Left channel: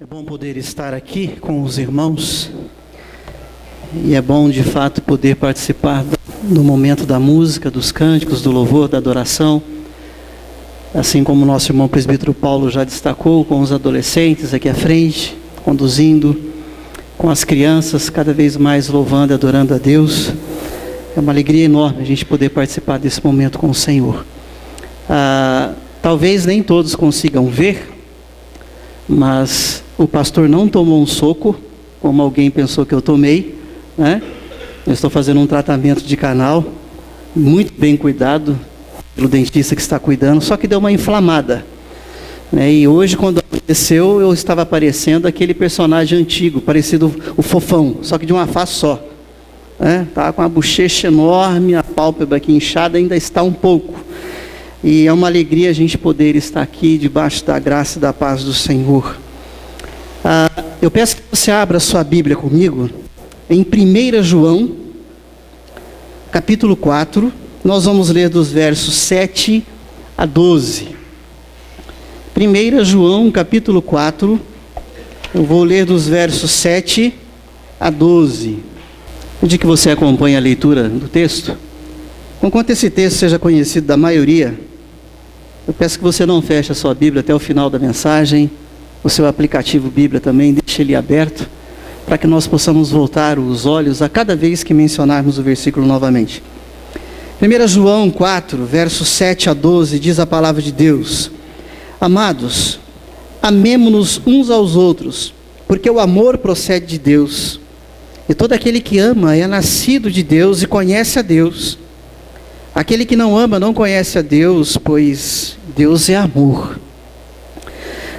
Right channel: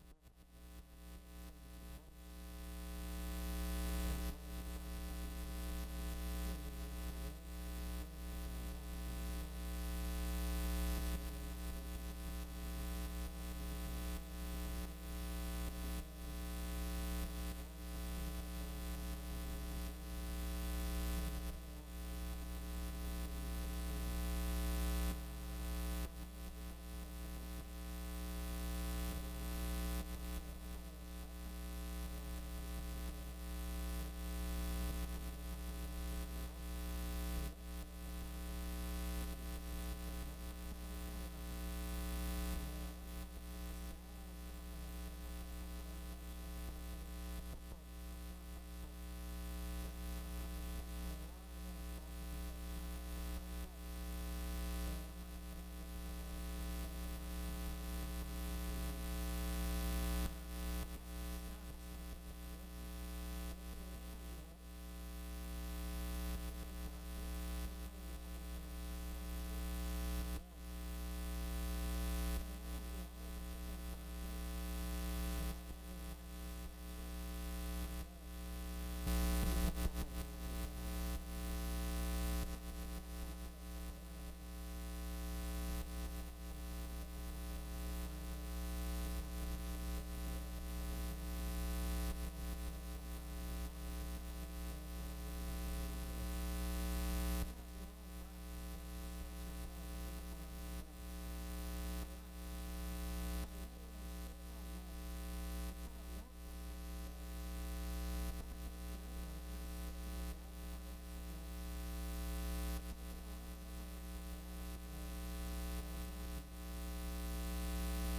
É bom poder estar aqui com os irmãos e é bom de fato poder participar do momento da música, dos cânticos, do louvor, da adoração, assim como o nosso irmão presbítero Paulo já destacou, com os adolescentes aqui à frente, conduzindo, com as crianças cada vez mais louvando e adorando a Deus. É uma alegria enorme a gente poder participar desse momento com o Senhor. Talvez nem todos consigam ver, mas o pastor não tomou um soco, como alguém pensou que eu tomei, né? Eu estou fazendo um tratamento de canal, muito bem cuidado pelo dentista que está cuidando, só que deu uma inflamada, né? E hoje, quando aconteceu, eu estava parecendo aquele personagem antigo, parecido o Fofão, só que de uma face só, né? Estava com a bochecha enorme, a pálpebra aqui inchada, ainda está um pouco. E é uma alegria a gente poder estar aqui debaixo da graça e da paz do Senhor. Eu peço que você abra a sua Bíblia comigo em 1 João, capítulo 4. Nós vamos ler dos versos 7 a 12. 1 João, capítulo 4. Eu vou ler dos versos 7 a 12. Pedir que você acompanhe a leitura do texto. Conquanto esse texto seja conhecido da maioria, eu peço que você não feche a sua Bíblia até o final da mensagem. O seu aplicativo Bíblia também, deixe ele aberto, para que nós possamos voltar os olhos a cada vez que mencionarmos o versículo novamente. 1 João 4, versos 7 a 12, diz a palavra de Deus: Amados, amemo-nos uns aos outros, porque o amor procede de Deus. E todo aquele que ama é nascido de Deus e conhece a Deus. Aquele que não ama não conhece a Deus, pois Deus é amor.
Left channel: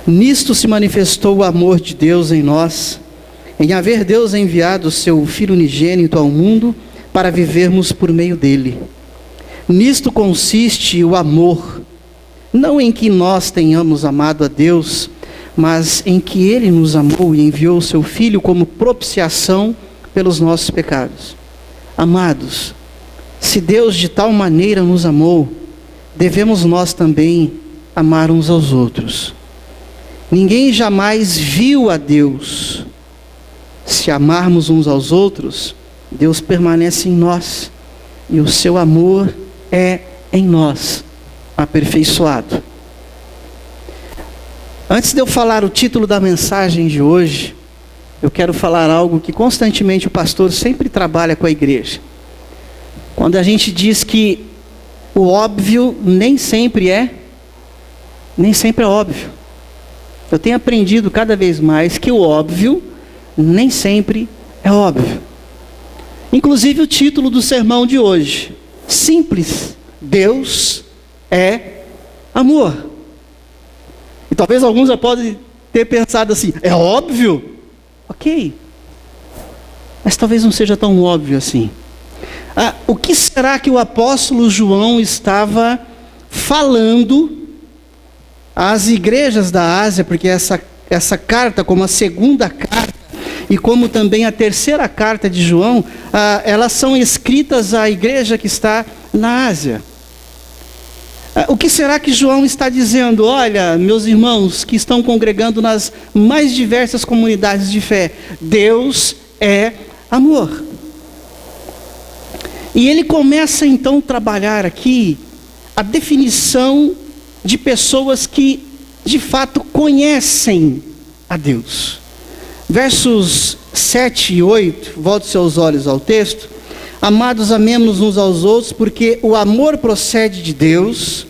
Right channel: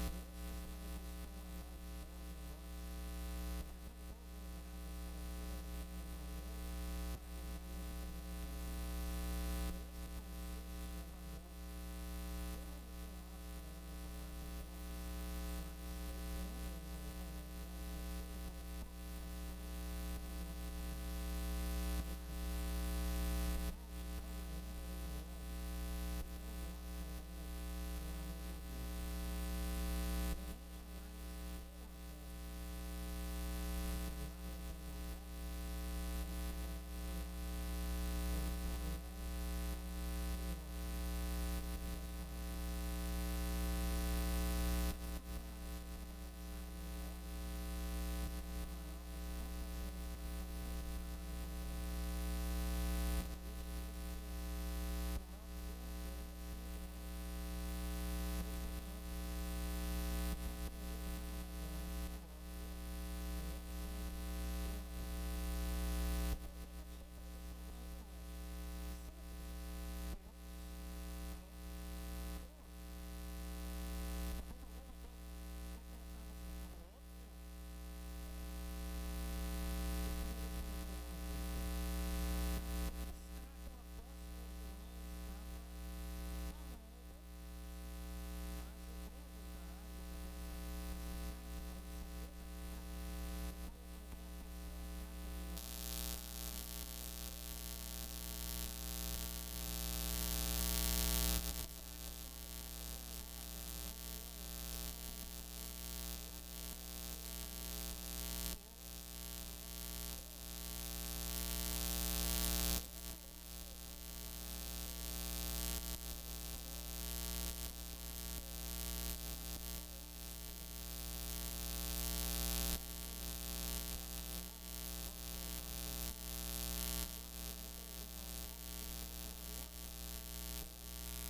Nisto se manifestou o amor de Deus em nós, em haver Deus enviado o seu Filho unigênito ao mundo para vivermos por meio dele. Nisto consiste o amor, não em que nós tenhamos amado a Deus, mas em que ele nos amou e enviou o seu Filho como propiciação pelos nossos pecados. Amados, se Deus de tal maneira nos amou, devemos nós também amar uns aos outros. Ninguém jamais viu a Deus. Se amarmos uns aos outros, Deus permanece em nós, e o seu amor é em nós, aperfeiçoado. Antes de eu falar o título da mensagem de hoje, eu quero falar algo que constantemente o pastor sempre trabalha com a igreja. Quando a gente diz que o óbvio nem sempre é óbvio. Eu tenho aprendido cada vez mais que o óbvio nem sempre é óbvio. Inclusive o título do sermão de hoje, simples: Deus é amor. E talvez alguns já podem ter pensado assim: é óbvio? Ok. Mas talvez não seja tão óbvio assim. O que será que o apóstolo João estava falando às igrejas da Ásia? Porque essa carta, como a segunda carta e como também a terceira carta de João, elas são escritas à igreja que está na Ásia. O que será que João está dizendo? Olha, meus irmãos que estão congregando nas mais diversas comunidades de fé, Deus é amor. E ele começa então a trabalhar aqui a definição de pessoas que de fato conhecem a Deus. Versos 7 e 8, volte seus olhos ao texto. Amados, amemos uns aos outros, porque o amor procede de Deus,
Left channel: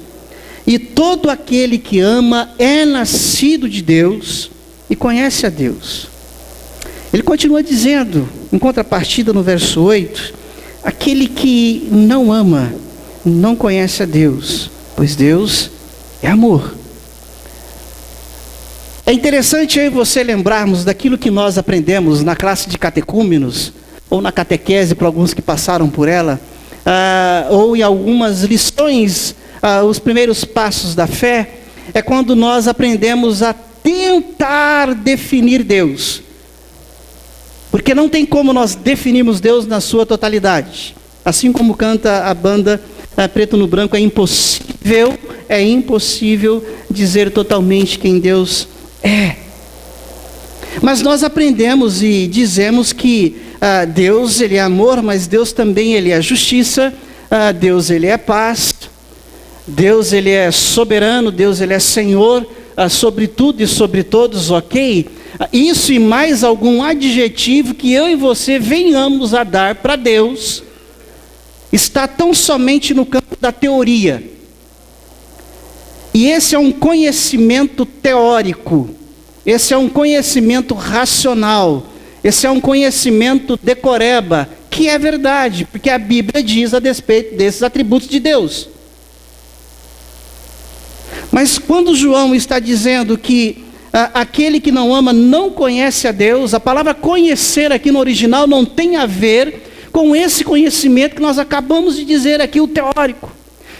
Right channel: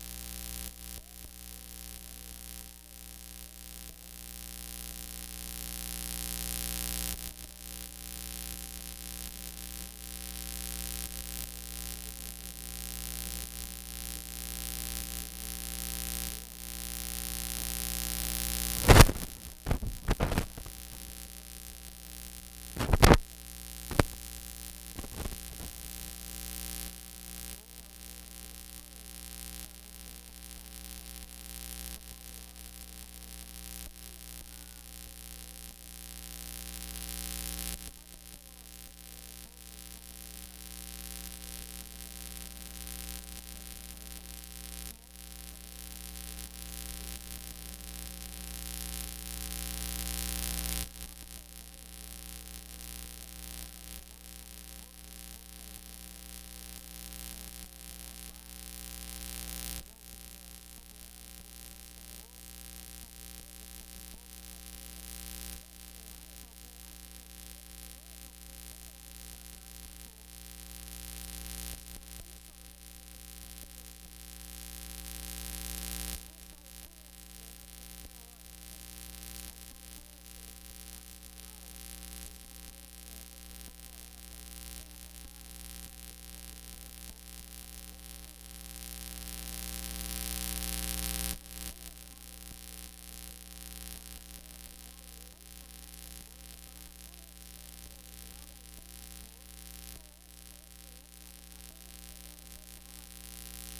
e todo aquele que ama é nascido de Deus e conhece a Deus. Ele continua dizendo, em contrapartida no verso 8, aquele que não ama não conhece a Deus, pois Deus é amor. É interessante aí você lembrarmos daquilo que nós aprendemos na classe de catecúmenos, ou na catequese para alguns que passaram por ela, ou em algumas lições, os primeiros passos da fé, é quando nós aprendemos a tentar definir Deus. Porque não tem como nós definirmos Deus na sua totalidade. Assim como canta a banda Preto no Branco, é impossível dizer totalmente quem Deus é. Mas nós aprendemos e dizemos que Deus, Ele é amor, mas Deus também, Ele é justiça, Deus, Ele é paz, Deus, Ele é soberano, Deus, Ele é Senhor, sobre tudo e sobre todos, ok? Isso e mais algum adjetivo que eu e você venhamos a dar para Deus, está tão somente no campo da teoria. E esse é um conhecimento teórico, esse é um conhecimento racional, esse é um conhecimento decoreba, que é verdade, porque a Bíblia diz a respeito desses atributos de Deus. Mas quando João está dizendo que aquele que não ama não conhece a Deus, a palavra conhecer aqui no original não tem a ver com esse conhecimento que nós acabamos de dizer aqui, o teórico.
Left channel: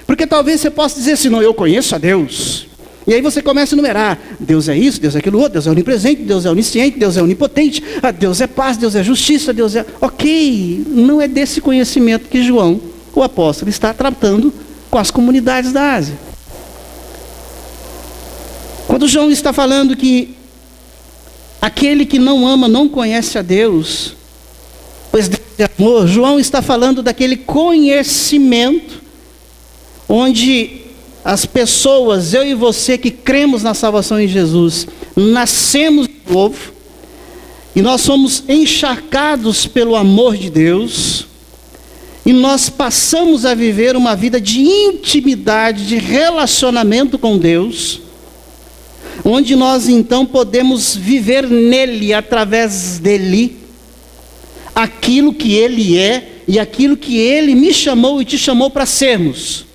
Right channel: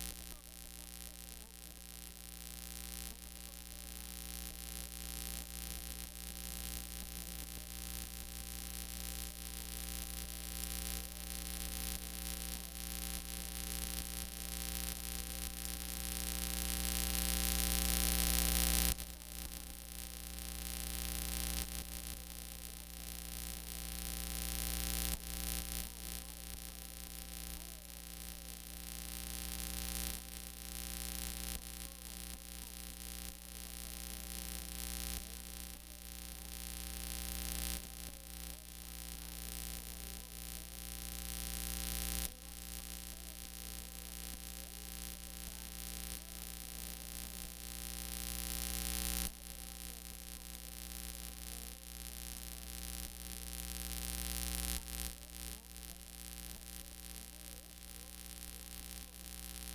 Porque talvez você possa dizer assim, não, eu conheço a Deus. E aí você começa a enumerar, Deus é isso, Deus é aquilo outro, Deus é onipresente, Deus é onisciente, Deus é onipotente, Deus é paz, Deus é justiça, Deus é... Ok, não é desse conhecimento que João, o apóstolo, está tratando com as comunidades da Ásia. Quando João está falando que aquele que não ama não conhece a Deus, pois Deus é amor, João está falando daquele conhecimento onde as pessoas, eu e você que cremos na salvação em Jesus, nascemos de novo, e nós somos encharcados pelo amor de Deus, e nós passamos a viver uma vida de intimidade, de relacionamento com Deus, onde nós então podemos viver nele, através dele, aquilo que ele é, e aquilo que ele me chamou e te chamou para sermos,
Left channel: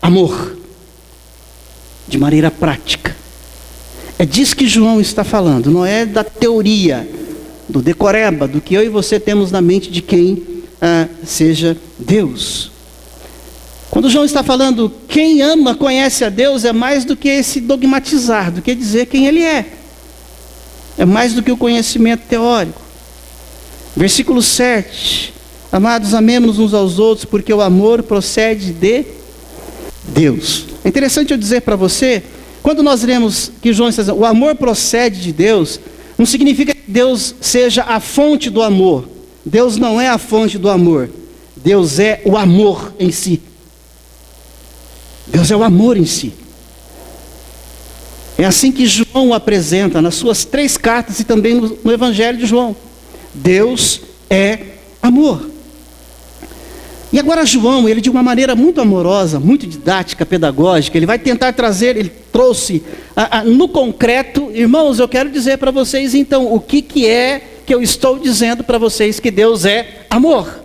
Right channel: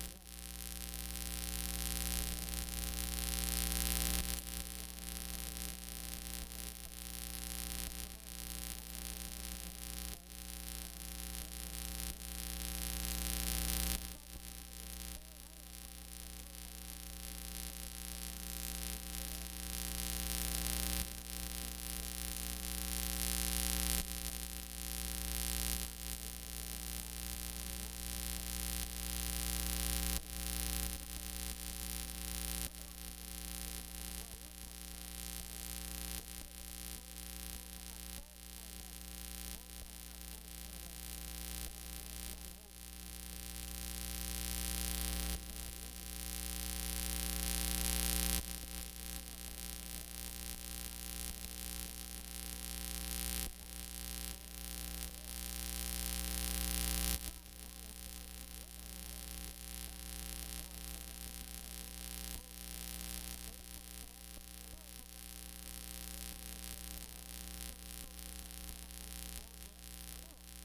amor. De maneira prática. É disso que João está falando, não é da teoria, do decoreba, do que eu e você temos na mente de quem seja Deus. Quando João está falando, quem ama conhece a Deus, é mais do que esse dogmatizar, do que dizer quem Ele é. É mais do que o conhecimento teórico. Versículo 7. Amados, amemos uns aos outros, porque o amor procede de Deus. É interessante eu dizer para você, quando nós lemos que João está dizendo, o amor procede de Deus, não significa que Deus seja a fonte do amor. Deus não é a fonte do amor. Deus é o amor em si. Deus é o amor em si. É assim que João o apresenta nas suas 3 cartas e também no Evangelho de João. Deus é amor. E agora João, ele de uma maneira muito amorosa, muito didática, pedagógica, ele vai tentar trazer, ele trouxe no concreto, irmãos, eu quero dizer para vocês então, o que é que eu estou dizendo para vocês que Deus é amor.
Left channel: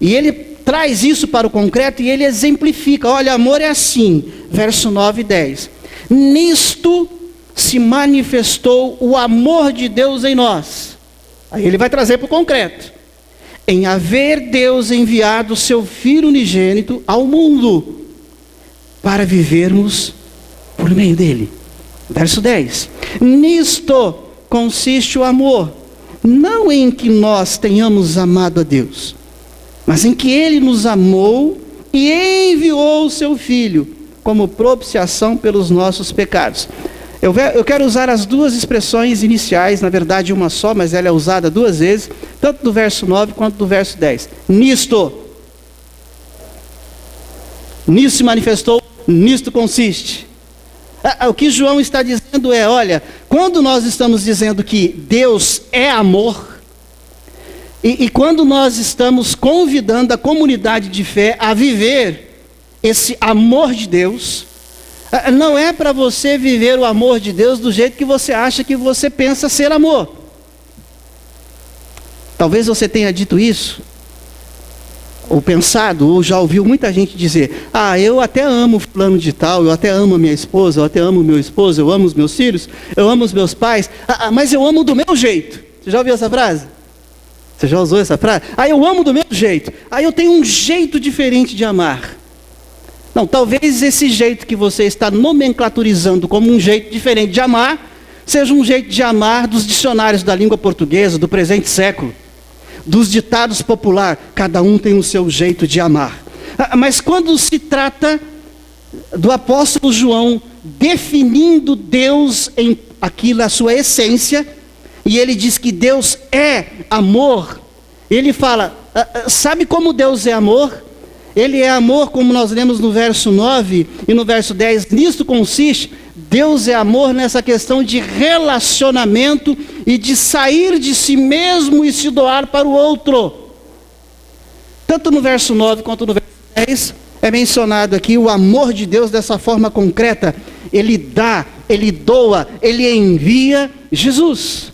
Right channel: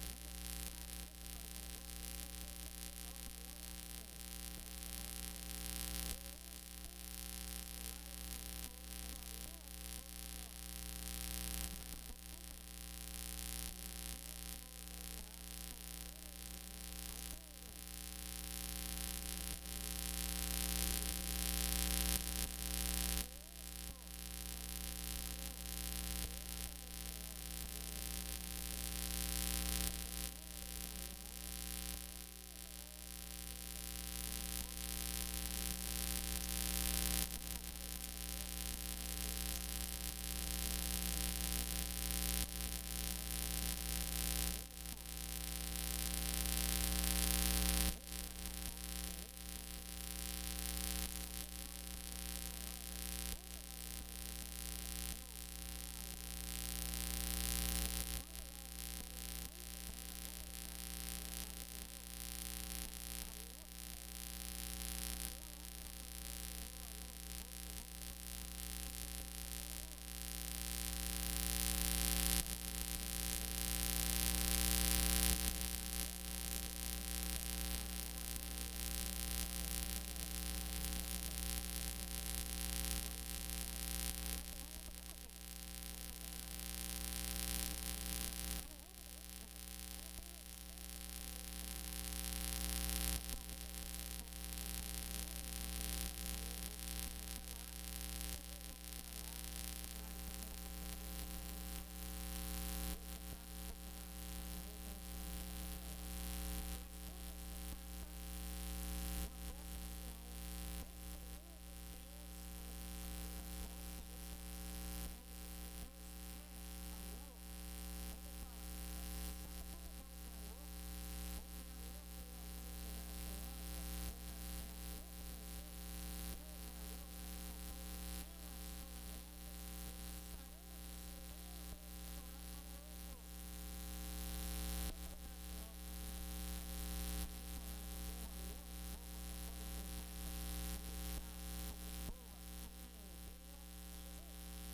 E ele traz isso para o concreto e ele exemplifica, olha, amor é assim, verso 9 e 10. Nisto se manifestou o amor de Deus em nós. Aí ele vai trazer para o concreto. Em haver Deus enviado o seu Filho unigênito ao mundo, para vivermos por meio dele. Verso 10. Nisto consiste o amor, não em que nós tenhamos amado a Deus, mas em que Ele nos amou e enviou o seu Filho, como propiciação pelos nossos pecados. Eu quero usar as 2 expressões iniciais, na verdade uma só, mas ela é usada 2 vezes, tanto do verso 9 quanto do verso 10. Nisto se manifestou, nisto consiste. O que João está dizendo é, olha, quando nós estamos dizendo que Deus é amor, e quando nós estamos convidando a comunidade de fé a viver esse amor de Deus, não é para você viver o amor de Deus do jeito que você acha que você pensa ser amor. Talvez você tenha dito isso, ou pensado, ou já ouviu muita gente dizer, eu até amo fulano de tal, eu até amo a minha esposa, eu até amo o meu esposo, eu amo os meus filhos, eu amo os meus pais, mas eu amo do meu jeito. Você já ouviu essa frase? Você já usou essa frase? Eu amo do meu jeito, eu tenho um jeito diferente de amar. Não, talvez esse jeito que você está nomenclaturizando como um jeito diferente de amar, seja um jeito de amar dos dicionários da língua portuguesa, do presente século, dos ditados populares, cada um tem o seu jeito de amar. Mas quando se trata do apóstolo João definindo Deus em aquilo, a sua essência, e ele diz que Deus é amor, ele fala, sabe como Deus é amor? Ele é amor, como nós lemos no verso 9 e no verso 10, nisto consiste, Deus é amor nessa questão de relacionamento e de sair de si mesmo e se doar para o outro. Tanto no verso 9 quanto no verso 10, é mencionado aqui o amor de Deus dessa forma concreta. Ele dá, Ele doa, Ele envia Jesus.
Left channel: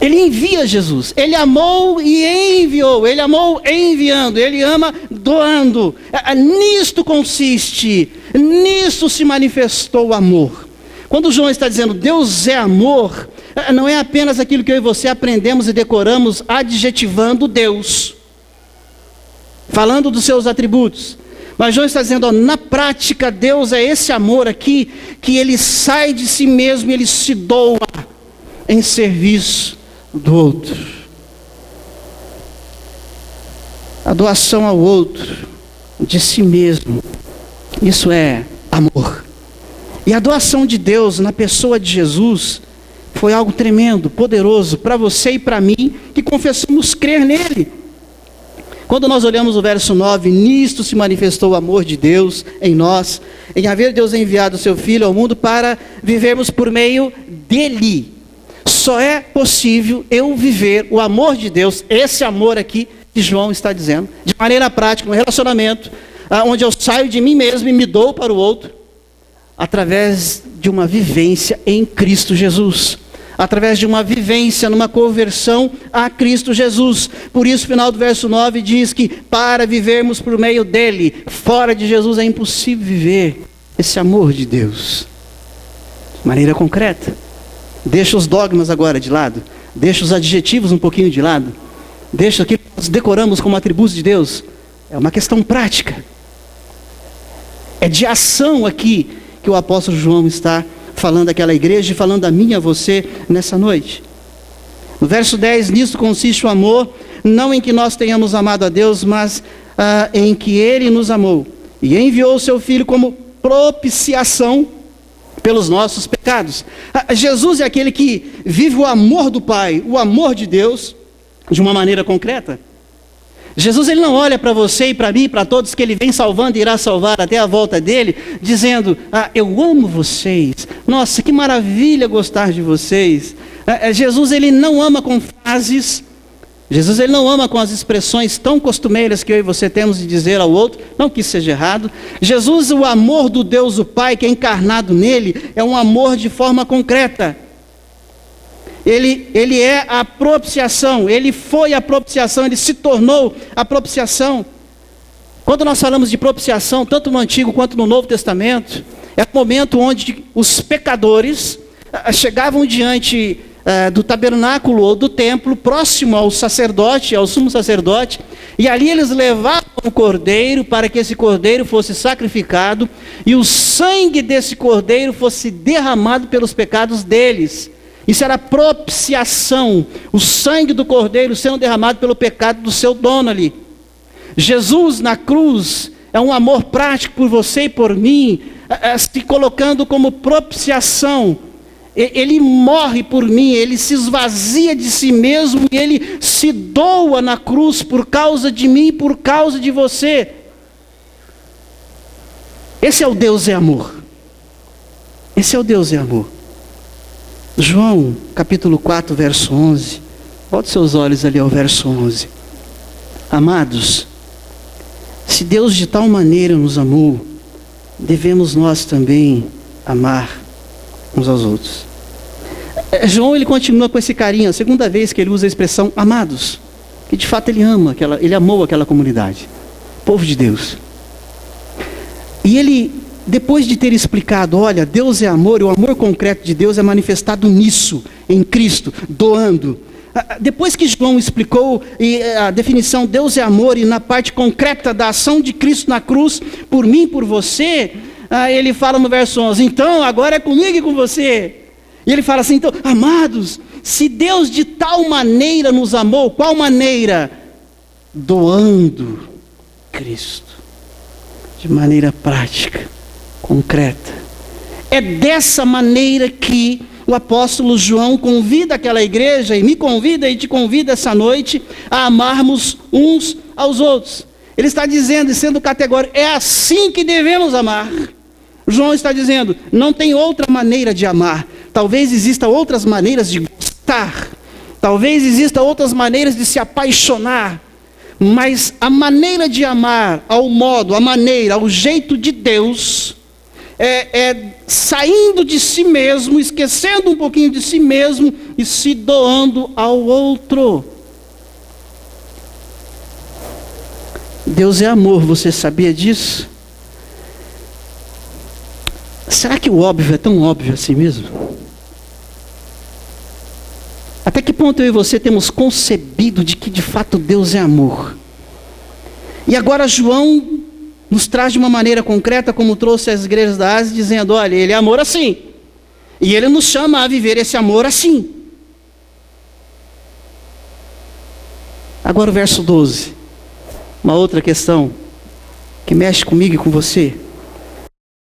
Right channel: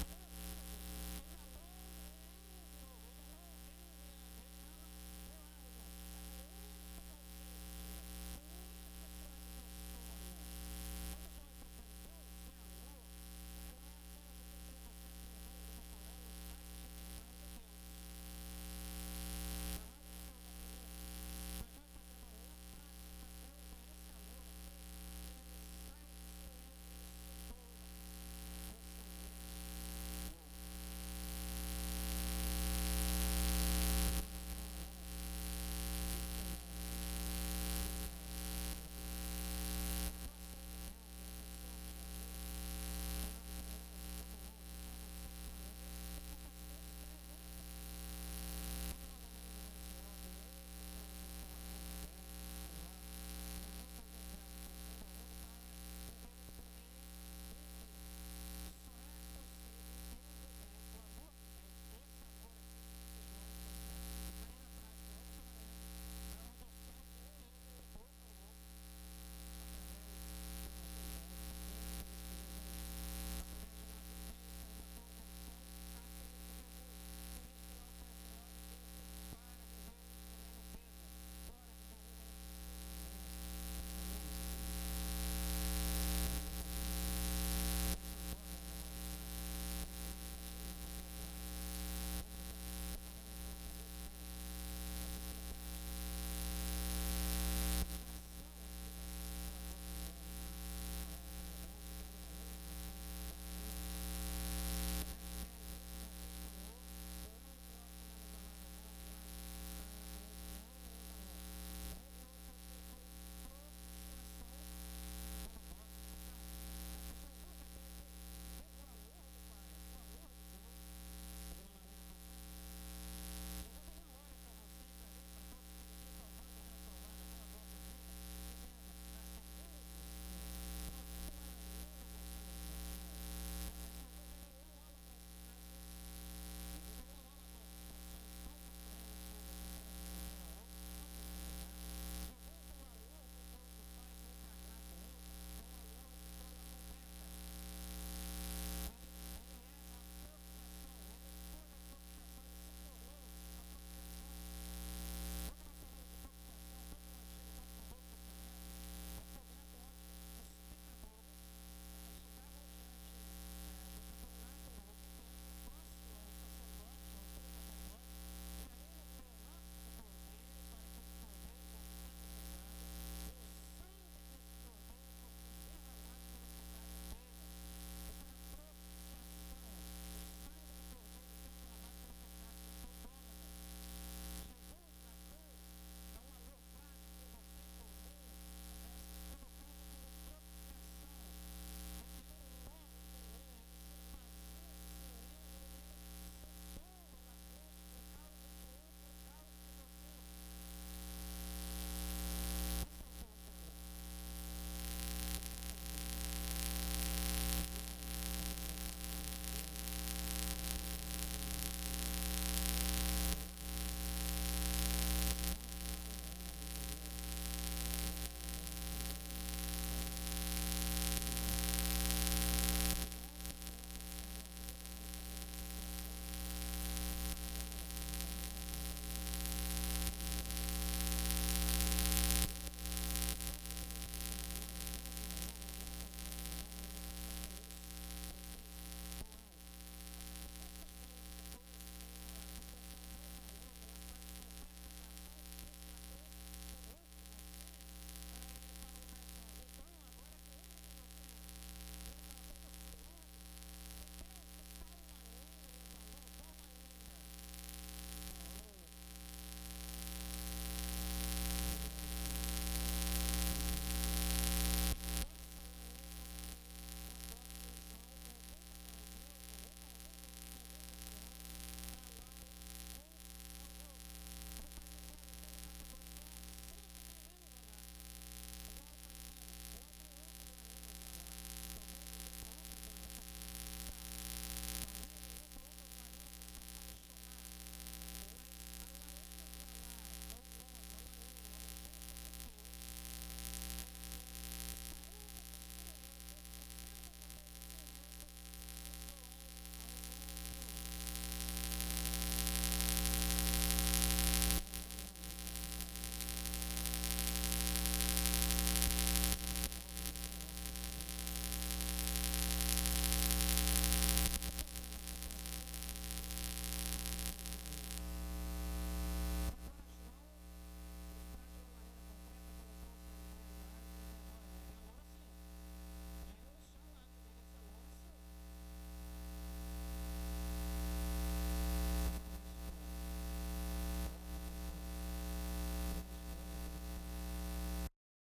Ele envia Jesus, Ele amou e enviou, Ele amou enviando, Ele ama doando. Nisto consiste, nisto se manifestou o amor. Quando João está dizendo Deus é amor, não é apenas aquilo que eu e você aprendemos e decoramos adjetivando Deus, falando dos seus atributos. Mas João está dizendo, na prática Deus é esse amor aqui, que Ele sai de si mesmo e Ele se doa em serviço do outro. A doação ao outro, de si mesmo, isso é amor. E a doação de Deus na pessoa de Jesus foi algo tremendo, poderoso para você e para mim, que confessamos crer nele. Quando nós olhamos o verso 9, nisto se manifestou o amor de Deus em nós, em haver Deus enviado o seu Filho ao mundo para vivermos por meio dele. Só é possível eu viver o amor de Deus, esse amor aqui que João está dizendo, de maneira prática, um relacionamento, onde eu saio de mim mesmo e me dou para o outro, através de uma vivência em Cristo Jesus, através de uma vivência numa conversão a Cristo Jesus. Por isso o final do verso 9 diz que para vivermos por meio dele, fora de Jesus é impossível viver esse amor de Deus, de maneira concreta. Deixa os dogmas agora de lado, deixa os adjetivos um pouquinho de lado, deixa aquilo que nós decoramos como atributos de Deus. É uma questão prática, é de ação aqui que o apóstolo João está falando daquela igreja e falando a mim e a você nessa noite. No verso 10, nisso consiste o amor, não em que nós tenhamos amado a Deus, mas em que Ele nos amou e enviou o seu Filho como propiciação pelos nossos pecados. Jesus é aquele que vive o amor do Pai, o amor de Deus, de uma maneira concreta. Jesus, ele não olha para você e para mim, para todos que ele vem salvando e irá salvar até a volta dele, dizendo, eu amo vocês, nossa, que maravilha gostar de vocês. Jesus, ele não ama com frases, Jesus, ele não ama com as expressões tão costumeiras que eu e você temos de dizer ao outro, não que isso seja errado. Jesus, o amor do Deus o Pai que é encarnado nele, é um amor de forma concreta. Ele é a propiciação, ele foi a propiciação, ele se tornou a propiciação. Quando nós falamos de propiciação, tanto no Antigo quanto no Novo Testamento, é o momento onde os pecadores chegavam diante do tabernáculo ou do templo, próximo ao sacerdote, ao sumo sacerdote, e ali eles levavam o cordeiro para que esse cordeiro fosse sacrificado, e o sangue desse cordeiro fosse derramado pelos pecados deles. Isso era propiciação, o sangue do cordeiro sendo derramado pelo pecado do seu dono ali. Jesus na cruz é um amor prático por você e por mim, se colocando como propiciação. Ele morre por mim, ele se esvazia de si mesmo e ele se doa na cruz por causa de mim e por causa de você. Esse é o Deus é amor. Esse é o Deus é amor. João, capítulo 4, verso 11. Volte seus olhos ali ao verso 11. Amados, se Deus de tal maneira nos amou, devemos nós também amar uns aos outros. João, ele continua com esse carinho, a segunda vez que ele usa a expressão amados, que de fato ele ama, ele amou aquela comunidade, povo de Deus. E ele, depois de ter explicado, olha, Deus é amor, e o amor concreto de Deus é manifestado nisso, em Cristo, doando. Depois que João explicou a definição Deus é amor, e na parte concreta da ação de Cristo na cruz, por mim e por você, ele fala no verso 11, então agora é comigo e com você. E ele fala assim, então, amados, se Deus de tal maneira nos amou, qual maneira? Doando Cristo, de maneira prática, concreta. É dessa maneira que o apóstolo João convida aquela igreja, e me convida e te convida essa noite, a amarmos uns aos outros. Ele está dizendo, e sendo categórico, é assim que devemos amar. João está dizendo, não tem outra maneira de amar. Talvez existam outras maneiras de gostar. Talvez existam outras maneiras de se apaixonar. Mas a maneira de amar, ao modo, a maneira, ao jeito de Deus, é saindo de si mesmo, esquecendo um pouquinho de si mesmo e se doando ao outro. Deus é amor, você sabia disso? Será que o óbvio é tão óbvio assim mesmo? Até que ponto eu e você temos concebido de que de fato Deus é amor? E agora João nos traz de uma maneira concreta, como trouxe às igrejas da Ásia, dizendo, olha, ele é amor assim. E ele nos chama a viver esse amor assim. Agora o verso 12. Uma outra questão que mexe comigo e com você.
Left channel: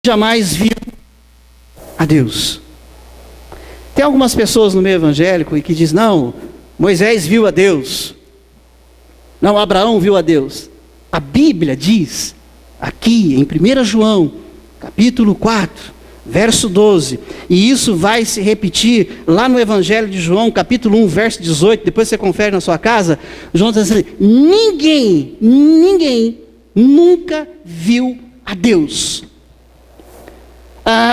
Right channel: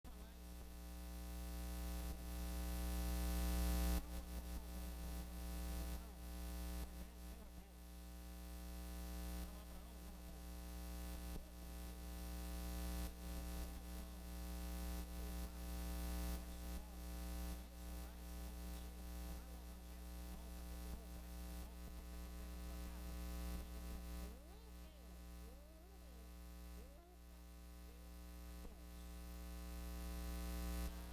Jamais viu a Deus. Tem algumas pessoas no meio evangélico que dizem, não, Moisés viu a Deus. Não, Abraão viu a Deus. A Bíblia diz, aqui em 1 João, capítulo 4, verso 12, e isso vai se repetir lá no Evangelho de João, capítulo 1, verso 18, depois você confere na sua casa, João está dizendo, ninguém nunca viu a Deus.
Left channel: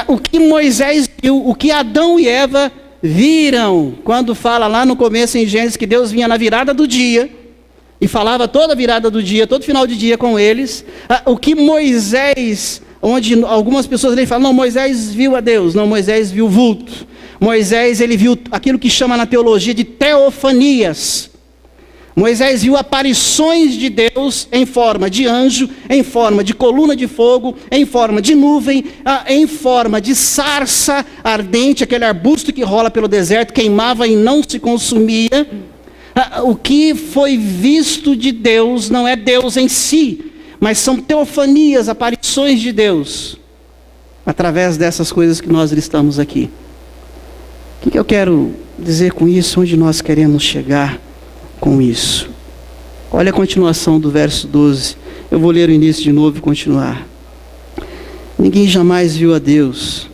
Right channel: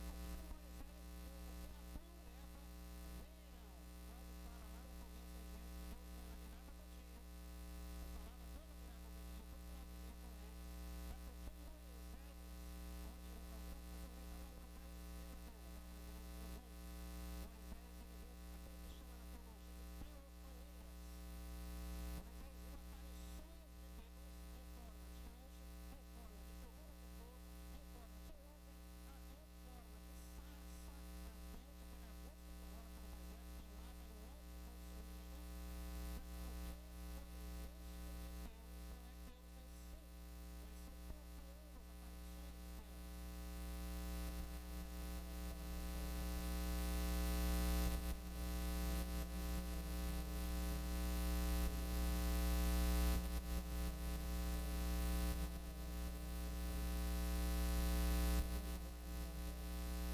O que Moisés viu, o que Adão e Eva viram, quando fala lá no começo em Gênesis que Deus vinha na virada do dia, e falava toda a virada do dia, todo final de dia com eles, o que Moisés, onde algumas pessoas ali falam, não, Moisés viu a Deus, não, Moisés viu vulto, Moisés ele viu aquilo que chama na teologia de teofanias, Moisés viu aparições de Deus em forma de anjo, em forma de coluna de fogo, em forma de nuvem, em forma de sarça ardente, aquele arbusto que rola pelo deserto, queimava e não se consumia. O que foi visto de Deus não é Deus em si, mas são teofanias, aparições de Deus, através dessas coisas que nós listamos aqui. O que eu quero dizer com isso? Onde nós queremos chegar com isso? Olha a continuação do verso 12. Eu vou ler o início de novo e continuar. Ninguém jamais viu a Deus.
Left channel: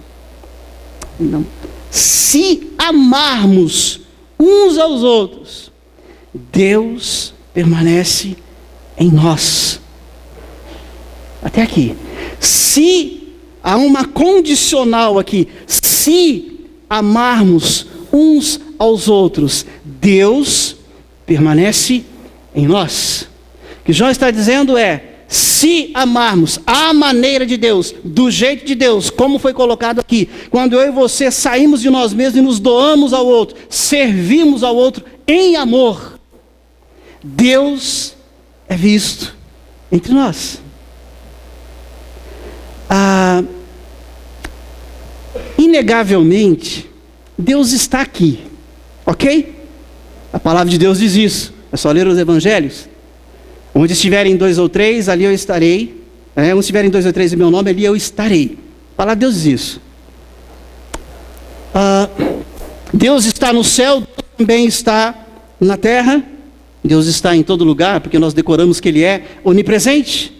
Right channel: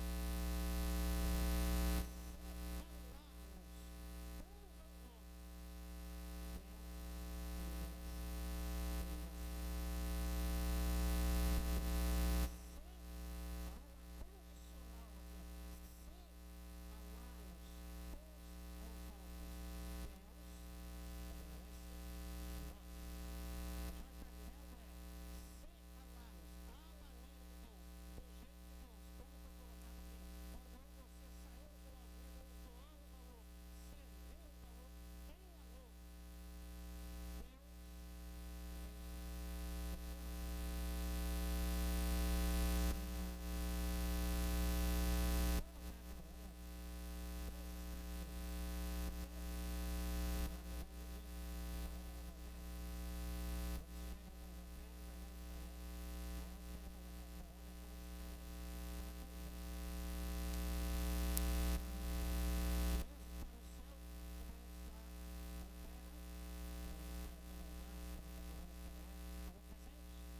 Não. Se amarmos uns aos outros, Deus permanece em nós. Até aqui. Se há uma condicional aqui, se amarmos uns aos outros, Deus permanece em nós. O que João está dizendo é, se amarmos à maneira de Deus, do jeito de Deus, como foi colocado aqui, quando eu e você saímos de nós mesmos e nos doamos ao outro, servimos ao outro em amor, Deus é visto entre nós. Inegavelmente, Deus está aqui, ok? A palavra de Deus diz isso, é só ler os evangelhos. Onde estiverem 2 ou 3, ali eu estarei. Onde estiverem 2 ou 3 em meu nome, ali eu estarei. A palavra de Deus diz isso. Deus está no céu, Deus também está na terra. Deus está em todo lugar, porque nós decoramos que Ele é onipresente.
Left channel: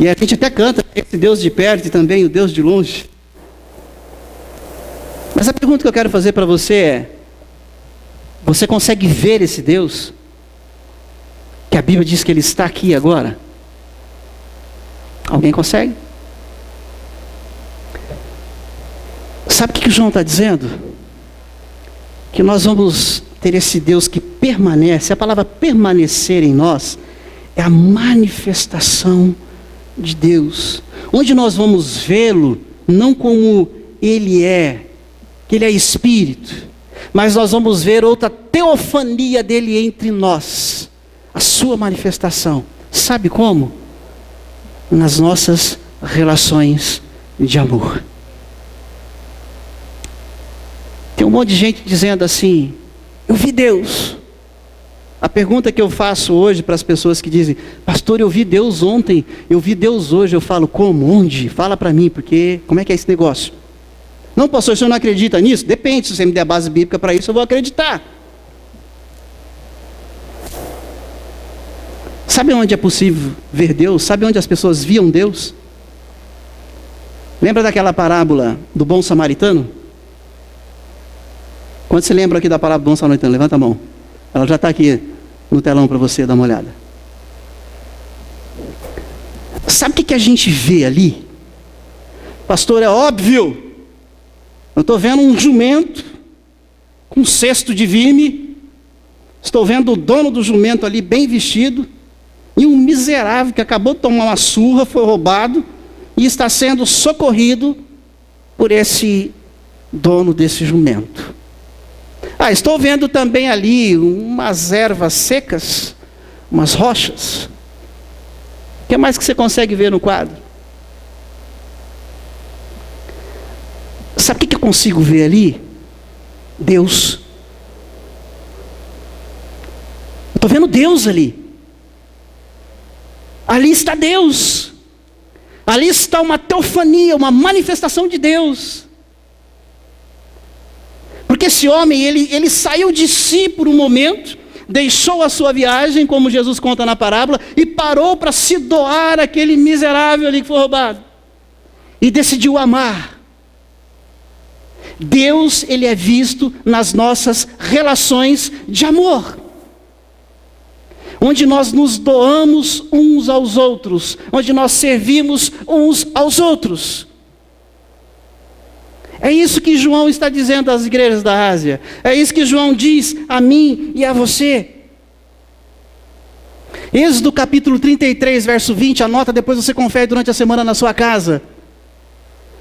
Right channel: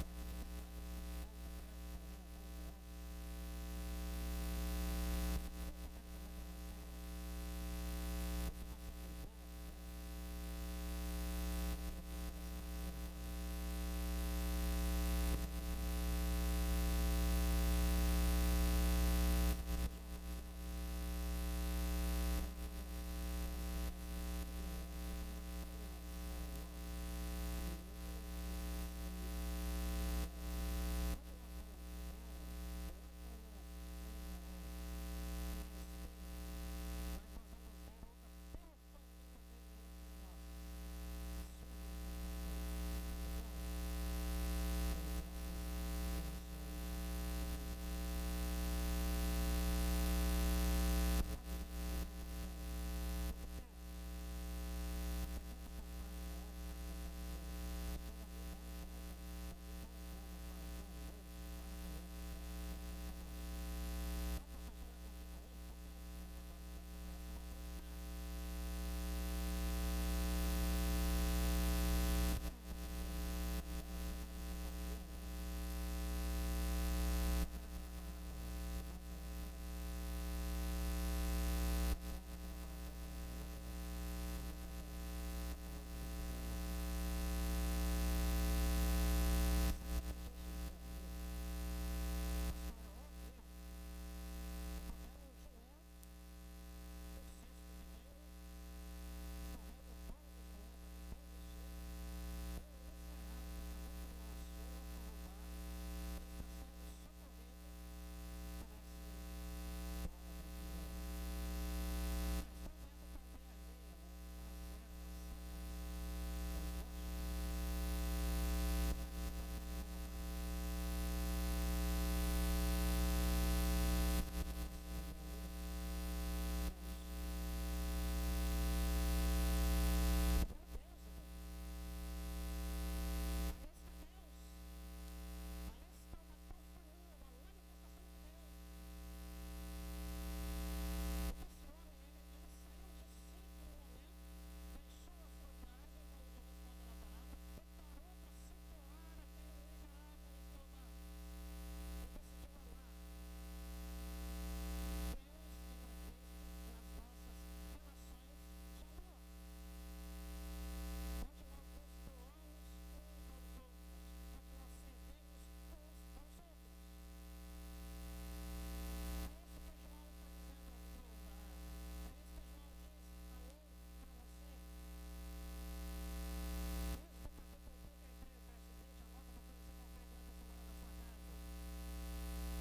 E a gente até canta, esse Deus de perto e também o Deus de longe. Mas a pergunta que eu quero fazer para você é, você consegue ver esse Deus? Que a Bíblia diz que Ele está aqui agora? Alguém consegue? Sabe o que João está dizendo? Que nós vamos ter esse Deus que permanece. A palavra permanecer em nós é a manifestação de Deus, onde nós vamos vê-lo não como Ele é, que Ele é Espírito, mas nós vamos ver outra teofania dele entre nós, a sua manifestação. Sabe como? Nas nossas relações de amor. Tem um monte de gente dizendo assim, eu vi Deus. A pergunta que eu faço hoje para as pessoas que dizem, pastor, eu vi Deus ontem, eu vi Deus hoje, eu falo, como? Onde? Fala para mim, porque como é que é esse negócio? Não, pastor, o senhor não acredita nisso? Depende, se você me der a base bíblica para isso, eu vou acreditar. Sabe onde é possível ver Deus? Sabe onde as pessoas viam Deus? Lembra daquela parábola do bom samaritano? Quando você lembra aqui da parábola do bom samaritano? Levanta a mão. Ela já está aqui no telão para você dar uma olhada. Sabe o que a gente vê ali? Pastor, é óbvio. Eu estou vendo um jumento com um cesto de vime. Estou vendo o dono do jumento ali bem vestido. E um miserável que acabou de tomar uma surra, foi roubado e está sendo socorrido por esse dono desse jumento. Estou vendo também ali umas ervas secas, umas rochas. O que mais que você consegue ver no quadro? Sabe o que eu consigo ver ali? Deus. Eu estou vendo Deus ali. Ali está Deus. Ali está uma teofania, uma manifestação de Deus. Porque esse homem, ele saiu de si por um momento, deixou a sua viagem, como Jesus conta na parábola, e parou para se doar àquele miserável ali que foi roubado. E decidiu amar. Deus, ele é visto nas nossas relações de amor. Onde nós nos doamos uns aos outros, onde nós servimos uns aos outros. É isso que João está dizendo às igrejas da Ásia. É isso que João diz a mim e a você. Êxodo capítulo 33, verso 20, anota, depois você confere durante a semana na sua casa.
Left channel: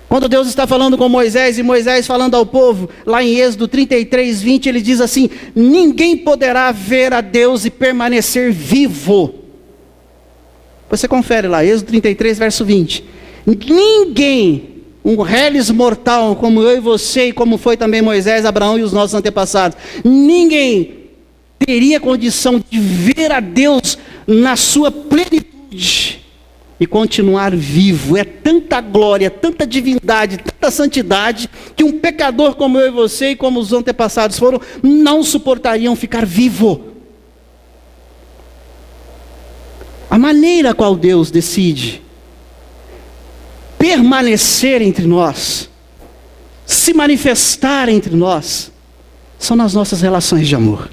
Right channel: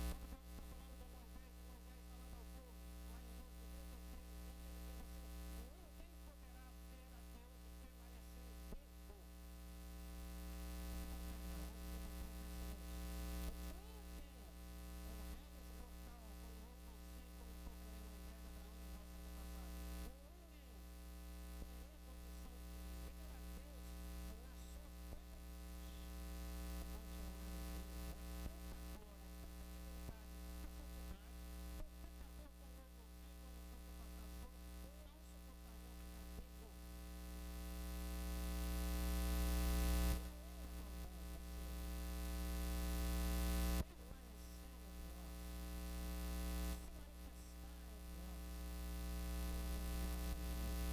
Quando Deus está falando com Moisés, e Moisés falando ao povo, lá em Êxodo 33, 20, ele diz assim: ninguém poderá ver a Deus e permanecer vivo. Você confere lá, Êxodo 33, verso 20. Ninguém, um reles mortal, como eu e você, e como foi também Moisés, Abraão e os nossos antepassados, ninguém teria condição de ver a Deus na sua plenitude e continuar vivo. É tanta glória, tanta divindade, tanta santidade, que um pecador como eu e você, e como os antepassados foram, não suportariam ficar vivo. A maneira a qual Deus decide permanecer entre nós, se manifestar entre nós, são nas nossas relações de amor,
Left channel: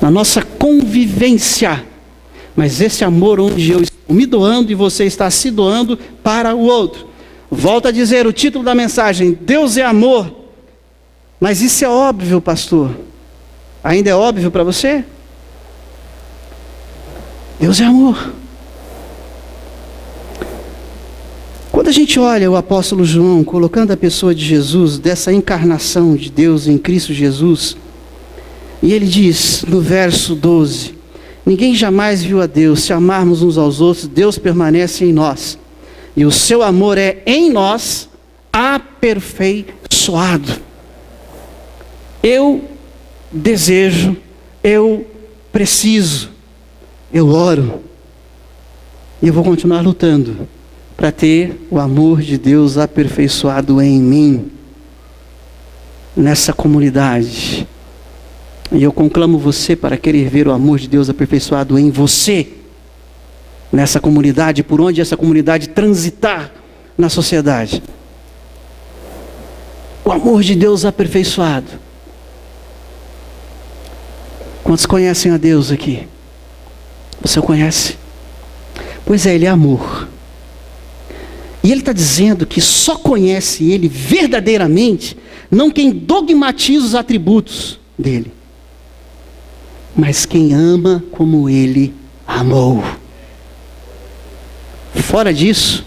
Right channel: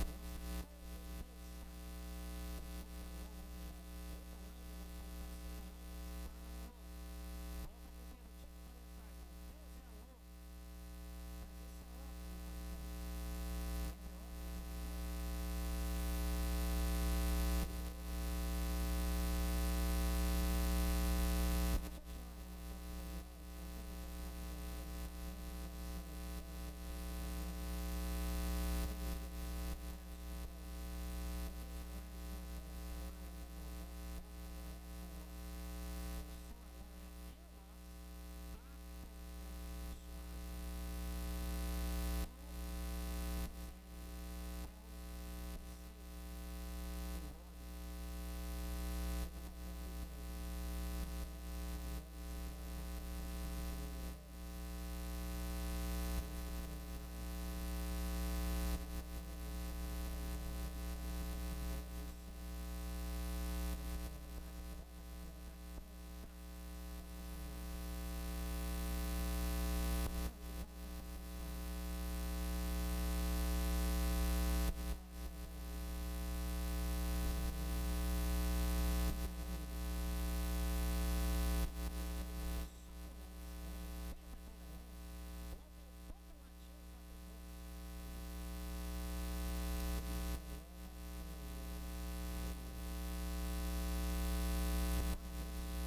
na nossa convivência. Mas esse amor onde eu estou me doando e você está se doando para o outro. Volto a dizer o título da mensagem: Deus é amor. Mas isso é óbvio, pastor. Ainda é óbvio para você? Deus é amor. Quando a gente olha o apóstolo João colocando a pessoa de Jesus, dessa encarnação de Deus em Cristo Jesus, e ele diz no verso 12: ninguém jamais viu a Deus. Se amarmos uns aos outros, Deus permanece em nós, e o seu amor é em nós aperfeiçoado. Eu desejo, eu preciso, eu oro, e eu vou continuar lutando para ter o amor de Deus aperfeiçoado em mim, nessa comunidade. E eu conclamo você para querer ver o amor de Deus aperfeiçoado em você, nessa comunidade, por onde essa comunidade transitar na sociedade. O amor de Deus aperfeiçoado. Quantos conhecem a Deus aqui? Você o conhece? Pois é, Ele é amor. E Ele está dizendo que só conhece Ele verdadeiramente, não quem dogmatiza os atributos dEle, mas quem ama como Ele amou. Fora disso,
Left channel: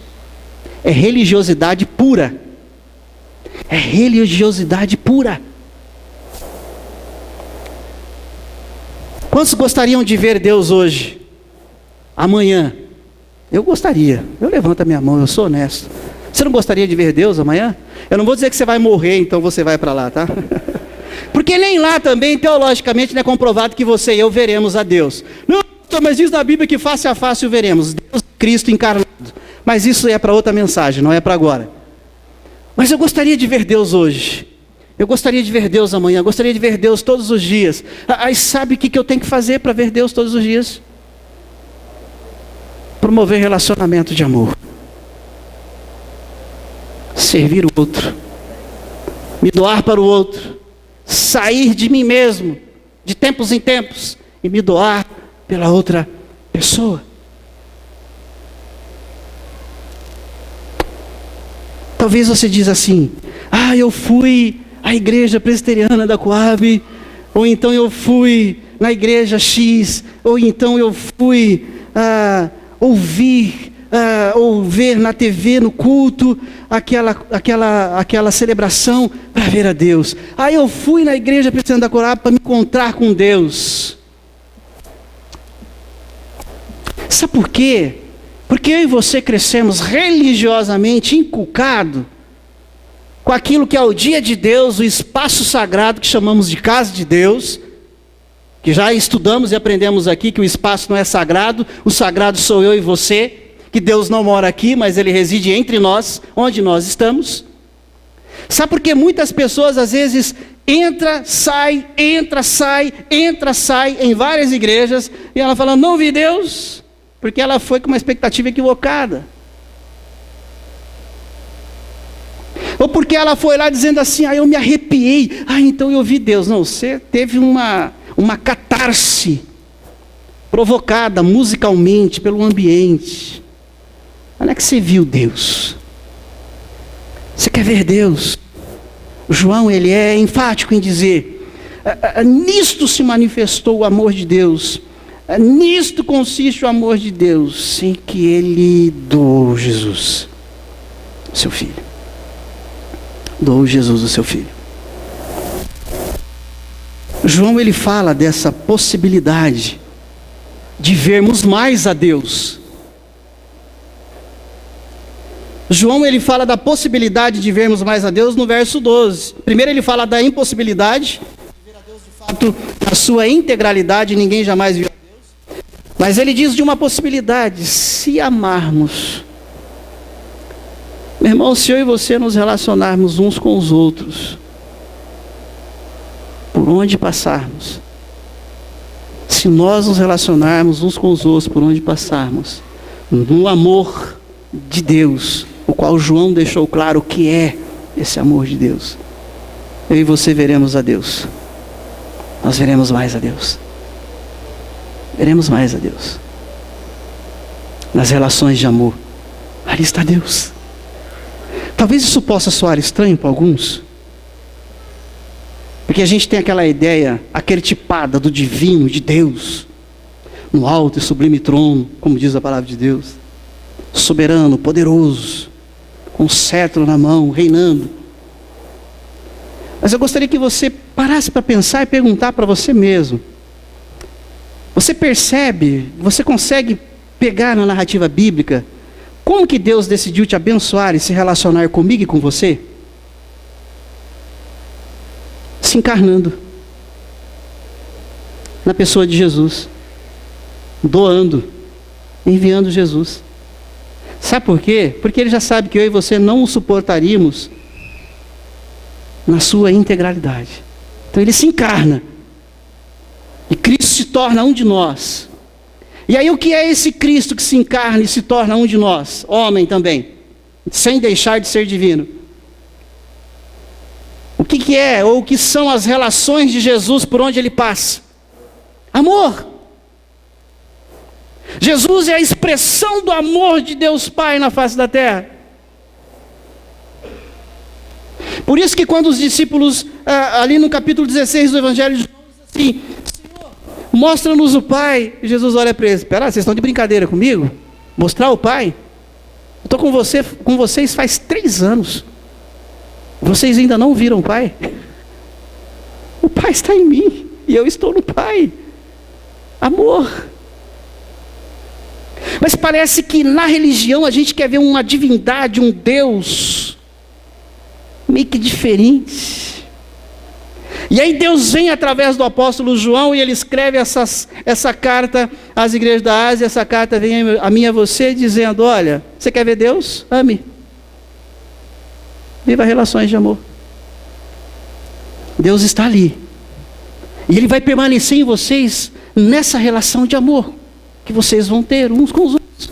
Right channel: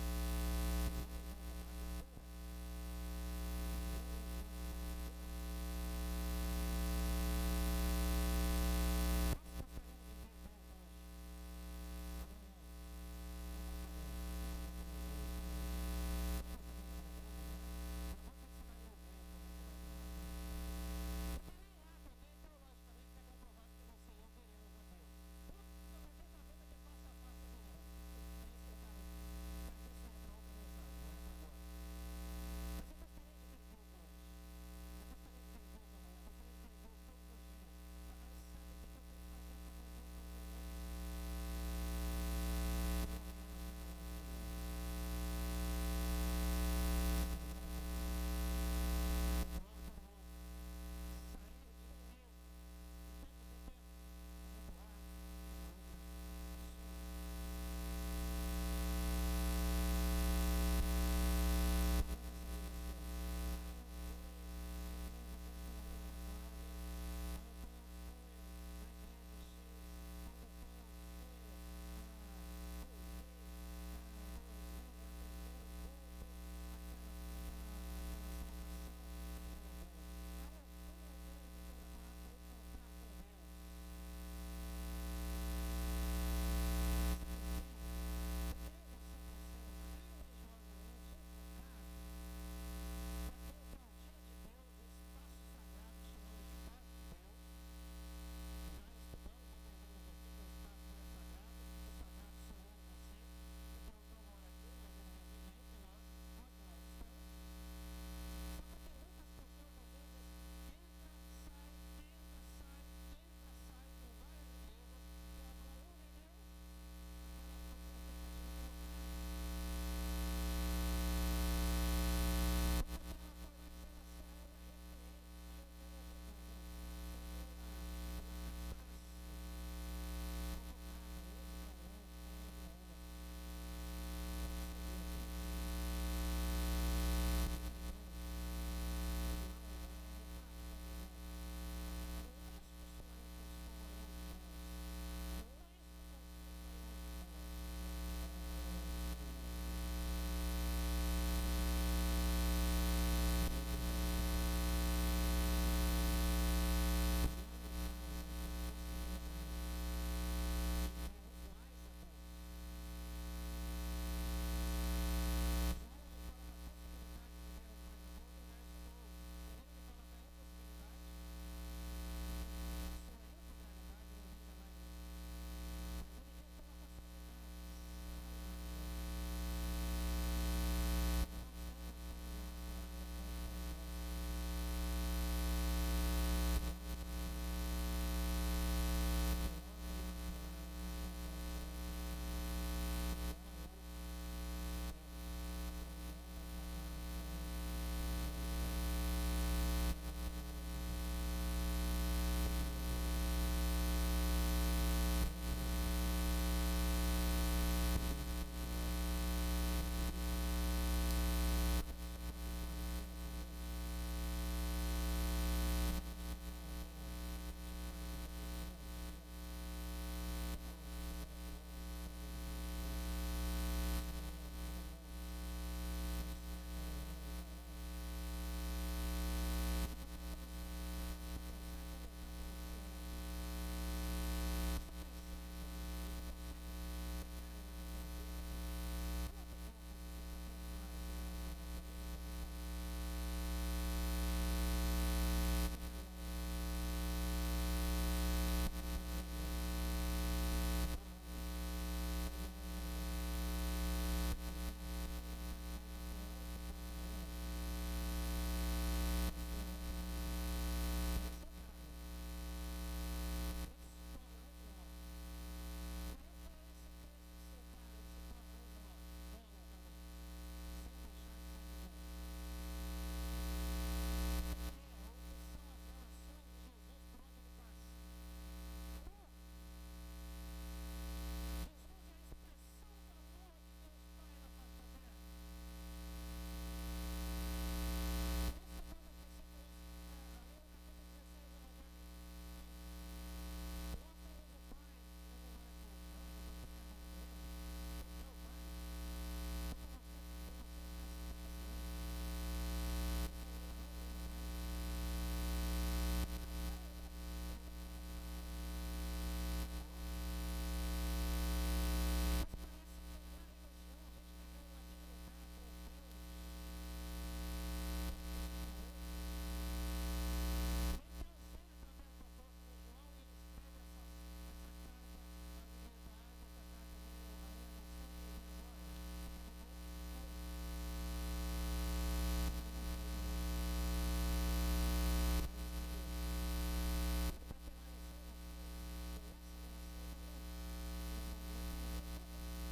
é religiosidade pura. É religiosidade pura. Quantos gostariam de ver Deus hoje? Amanhã? Eu gostaria. Eu levanto a minha mão, eu sou honesto. Você não gostaria de ver Deus amanhã? Eu não vou dizer que você vai morrer, então você vai para lá, tá? Porque nem lá também, teologicamente, não é comprovado que você e eu veremos a Deus. Não, mas diz na Bíblia que face a face o veremos. Deus, Cristo encarnado. Mas isso é para outra mensagem, não é para agora. Mas eu gostaria de ver Deus hoje. Eu gostaria de ver Deus amanhã. Eu gostaria de ver Deus todos os dias. Aí sabe o que eu tenho que fazer para ver Deus todos os dias? Promover relacionamento de amor. Servir o outro. Me doar para o outro. Sair de mim mesmo, de tempos em tempos, e me doar pela outra pessoa. Talvez você diz assim: eu fui à igreja presbiteriana da Coab, ou então eu fui na igreja X, ou então eu fui ou ver na TV, no culto, aquela celebração para ver a Deus. Eu fui na igreja presbiteriana da Coab para me encontrar com Deus. Sabe por quê? Porque eu e você crescemos religiosamente inculcado com aquilo que é o dia de Deus, o espaço sagrado que chamamos de casa de Deus, que já estudamos e aprendemos aqui que o espaço não é sagrado, o sagrado sou eu e você, que Deus não mora aqui, mas Ele reside entre nós, onde nós estamos. Sabe por que muitas pessoas às vezes entra, sai em várias igrejas, e ela fala: não vi Deus, porque ela foi com uma expectativa equivocada. Ou porque ela foi lá dizendo assim: eu me arrepiei, então eu vi Deus. Não, você teve uma catarse provocada musicalmente pelo ambiente. Não é que você viu Deus. Você quer ver Deus? João, ele é enfático em dizer: nisto se manifestou o amor de Deus. Nisto consiste o amor de Deus, em que Ele doou Jesus, seu Filho. Doou Jesus, o seu Filho. João, ele fala dessa possibilidade de vermos mais a Deus. João, ele fala da possibilidade de vermos mais a Deus no verso 12. Primeiro ele fala da impossibilidade de ver a Deus de fato na sua integralidade, ninguém jamais viu a Deus. Mas ele diz de uma possibilidade: se amarmos. Meu irmão, se eu e você nos relacionarmos uns com os outros, por onde passarmos, se nós nos relacionarmos uns com os outros por onde passarmos, no amor de Deus, o qual João deixou claro o que é esse amor de Deus, eu e você veremos a Deus. Nós veremos mais a Deus. Veremos mais a Deus. Nas relações de amor, ali está Deus. Talvez isso possa soar estranho para alguns, porque a gente tem aquela ideia arquetipada do divino, de Deus, no alto e sublime trono, como diz a palavra de Deus, soberano, poderoso, com o cetro na mão, reinando. Mas eu gostaria que você parasse para pensar e perguntar para você mesmo: você percebe, você consegue pegar na narrativa bíblica como que Deus decidiu te abençoar e se relacionar comigo e com você? Se encarnando na pessoa de Jesus, doando, enviando Jesus. Sabe por quê? Porque Ele já sabe que eu e você não o suportaríamos na sua integralidade. Então Ele se encarna, e Cristo se torna um de nós. E aí o que é esse Cristo que se encarna e se torna um de nós? Homem também, sem deixar de ser divino. O que é, ou o que são as relações de Jesus por onde Ele passa? Amor. Jesus é a expressão do amor de Deus Pai na face da terra. Por isso que quando os discípulos, ali no capítulo 16 do Evangelho de João, dizem assim: Senhor, mostra-nos o Pai. E Jesus olha para eles: espera, vocês estão de brincadeira comigo? Mostrar o Pai? Eu estou com vocês faz 3 anos. Vocês ainda não viram o Pai? O Pai está em mim e eu estou no Pai. Amor. Mas parece que na religião a gente quer ver uma divindade, um Deus meio que diferente. E aí Deus vem através do apóstolo João e ele escreve essa carta às igrejas da Ásia. Essa carta vem a mim e a você dizendo: olha, você quer ver Deus? Ame. Viva relações de amor. Deus está ali. E Ele vai permanecer em vocês nessa relação de amor que vocês vão ter uns com os outros.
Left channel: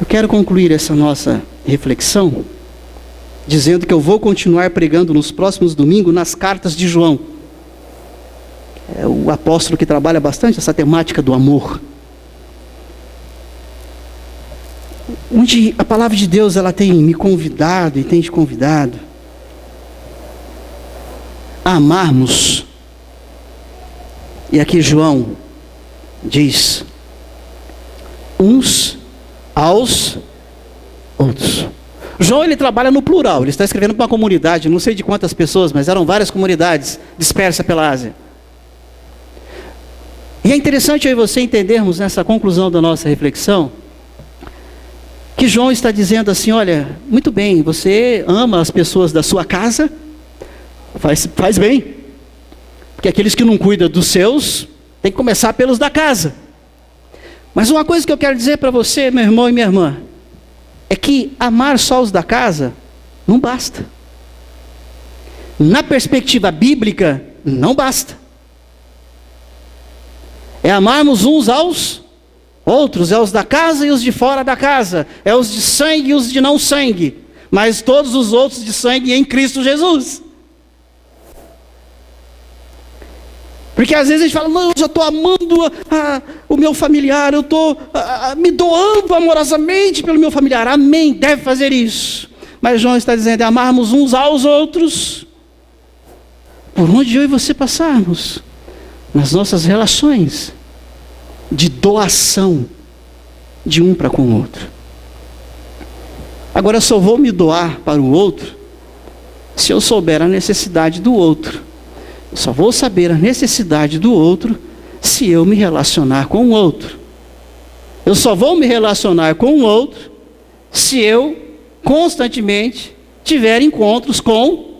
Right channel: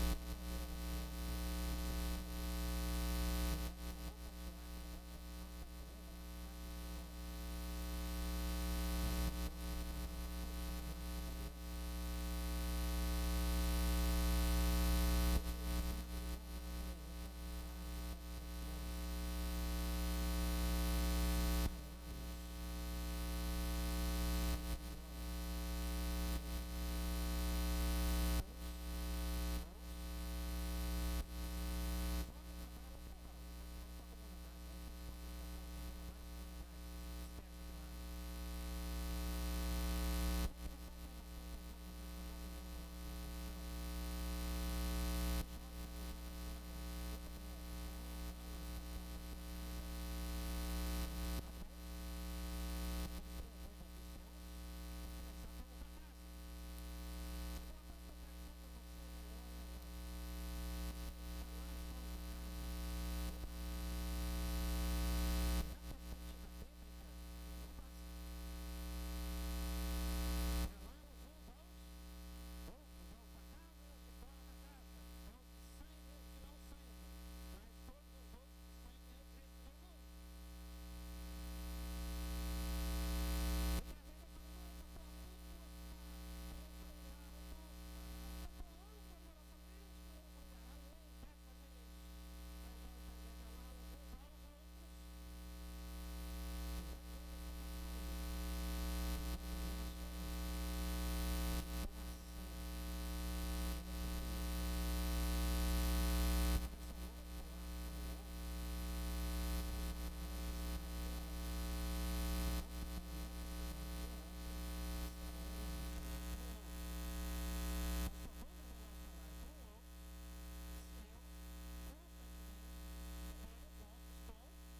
Eu quero concluir essa nossa reflexão dizendo que eu vou continuar pregando nos próximos domingos nas cartas de João. É o apóstolo que trabalha bastante essa temática do amor. Onde a palavra de Deus ela tem me convidado e tem te convidado a amarmos. E aqui João diz: uns aos outros. João ele trabalha no plural, ele está escrevendo para uma comunidade, não sei de quantas pessoas, mas eram várias comunidades dispersas pela Ásia. E é interessante eu e você entendermos nessa conclusão da nossa reflexão, que João está dizendo assim: olha, muito bem, você ama as pessoas da sua casa, faz bem, porque aqueles que não cuidam dos seus, tem que começar pelos da casa. Mas uma coisa que eu quero dizer para você, meu irmão e minha irmã, é que amar só os da casa não basta. Na perspectiva bíblica, não basta. É amarmos uns aos outros, é os da casa e os de fora da casa, é os de sangue e os de não sangue, mas todos os outros de sangue em Cristo Jesus. Porque às vezes a gente fala: não, eu já estou amando o meu familiar, eu estou me doando amorosamente pelo meu familiar. Amém, deve fazer isso. Mas João está dizendo: é amarmos uns aos outros, por onde eu e você passarmos, nas nossas relações, de doação, de um para com o outro. Agora, eu só vou me doar para o outro, se eu souber a necessidade do outro. Eu só vou saber a necessidade do outro se eu me relacionar com o outro. Eu só vou me relacionar com o outro se eu constantemente tiver encontros com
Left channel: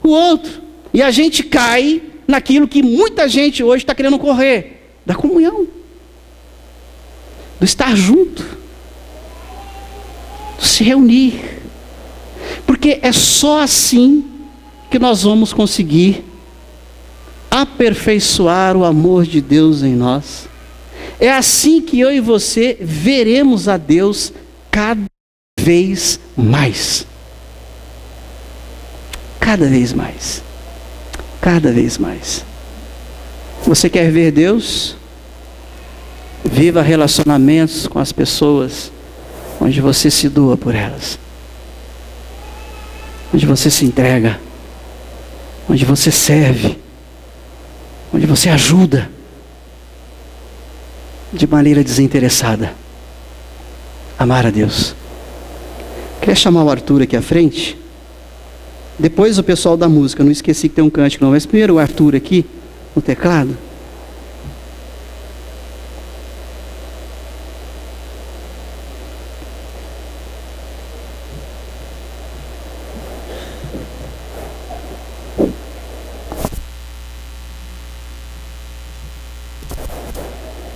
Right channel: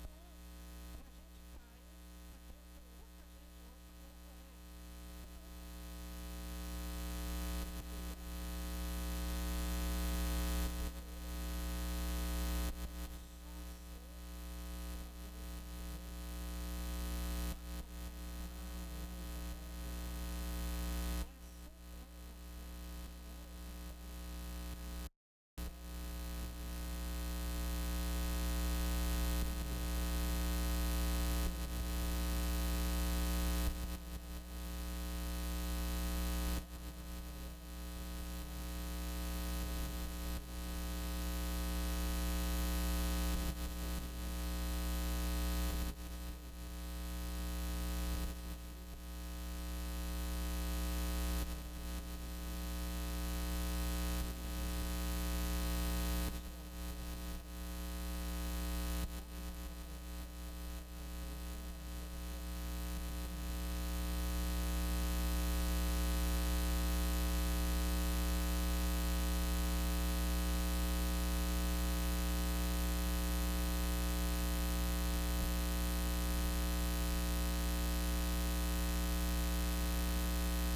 o outro. E a gente cai naquilo que muita gente hoje está querendo correr, da comunhão, do estar junto, do se reunir. Porque é só assim que nós vamos conseguir aperfeiçoar o amor de Deus em nós. É assim que eu e você veremos a Deus cada vez mais. Cada vez mais. Cada vez mais. Você quer ver Deus? Viva relacionamentos com as pessoas onde você se doa por elas, onde você se entrega, onde você serve, onde você ajuda de maneira desinteressada. Amar a Deus. Queria chamar o Arthur aqui à frente. Depois o pessoal da música. Não esqueci que tem um cântico não, mas primeiro o Arthur aqui no teclado.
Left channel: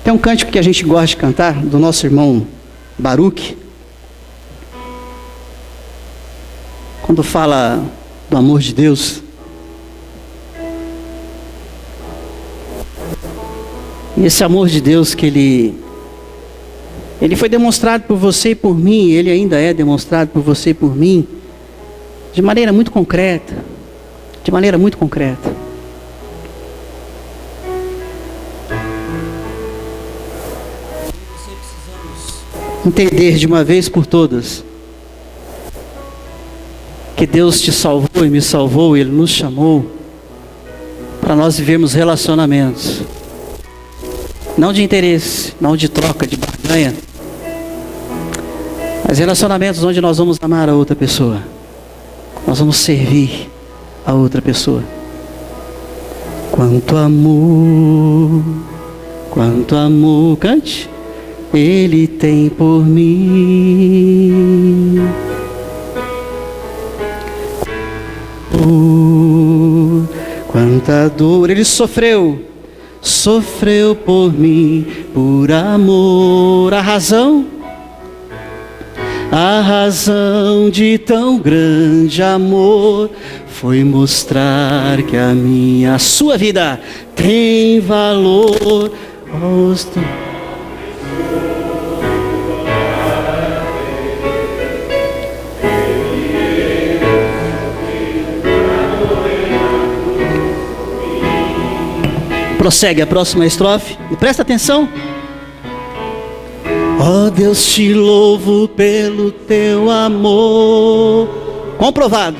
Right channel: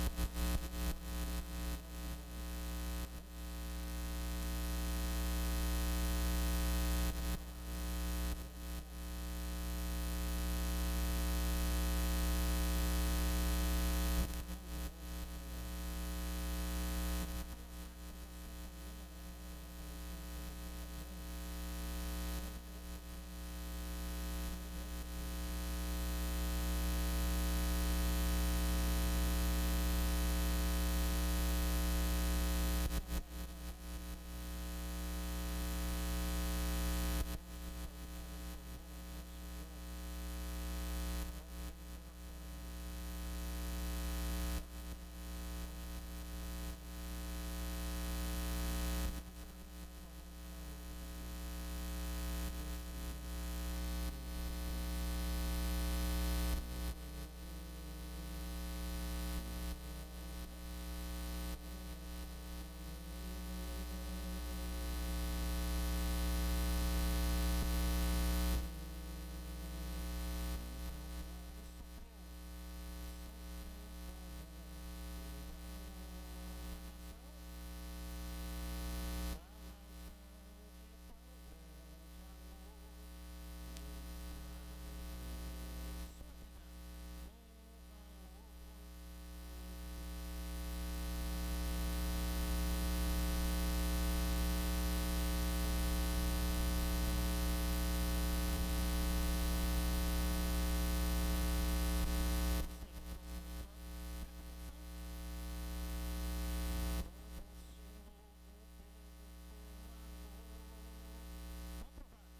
Tem um cântico que a gente gosta de cantar, do nosso irmão Baruch, quando fala do amor de Deus. E esse amor de Deus que ele foi demonstrado por você e por mim, ele ainda é demonstrado por você e por mim, de maneira muito concreta, de maneira muito concreta. Entender de uma vez por todas que Deus te salvou e me salvou, Ele nos chamou para nós vivermos relacionamentos, não de interesse, não de troca, de barganha, mas relacionamentos onde nós vamos amar a outra pessoa, nós vamos servir a outra pessoa. Quanto amor, cante. Ele tem por mim. Quanta dor Ele sofreu por mim, por amor. A A razão de tão grande amor foi mostrar que a sua vida tem valor. Prossegue a próxima estrofe e presta atenção. Ó Deus, te louvo pelo teu amor comprovado.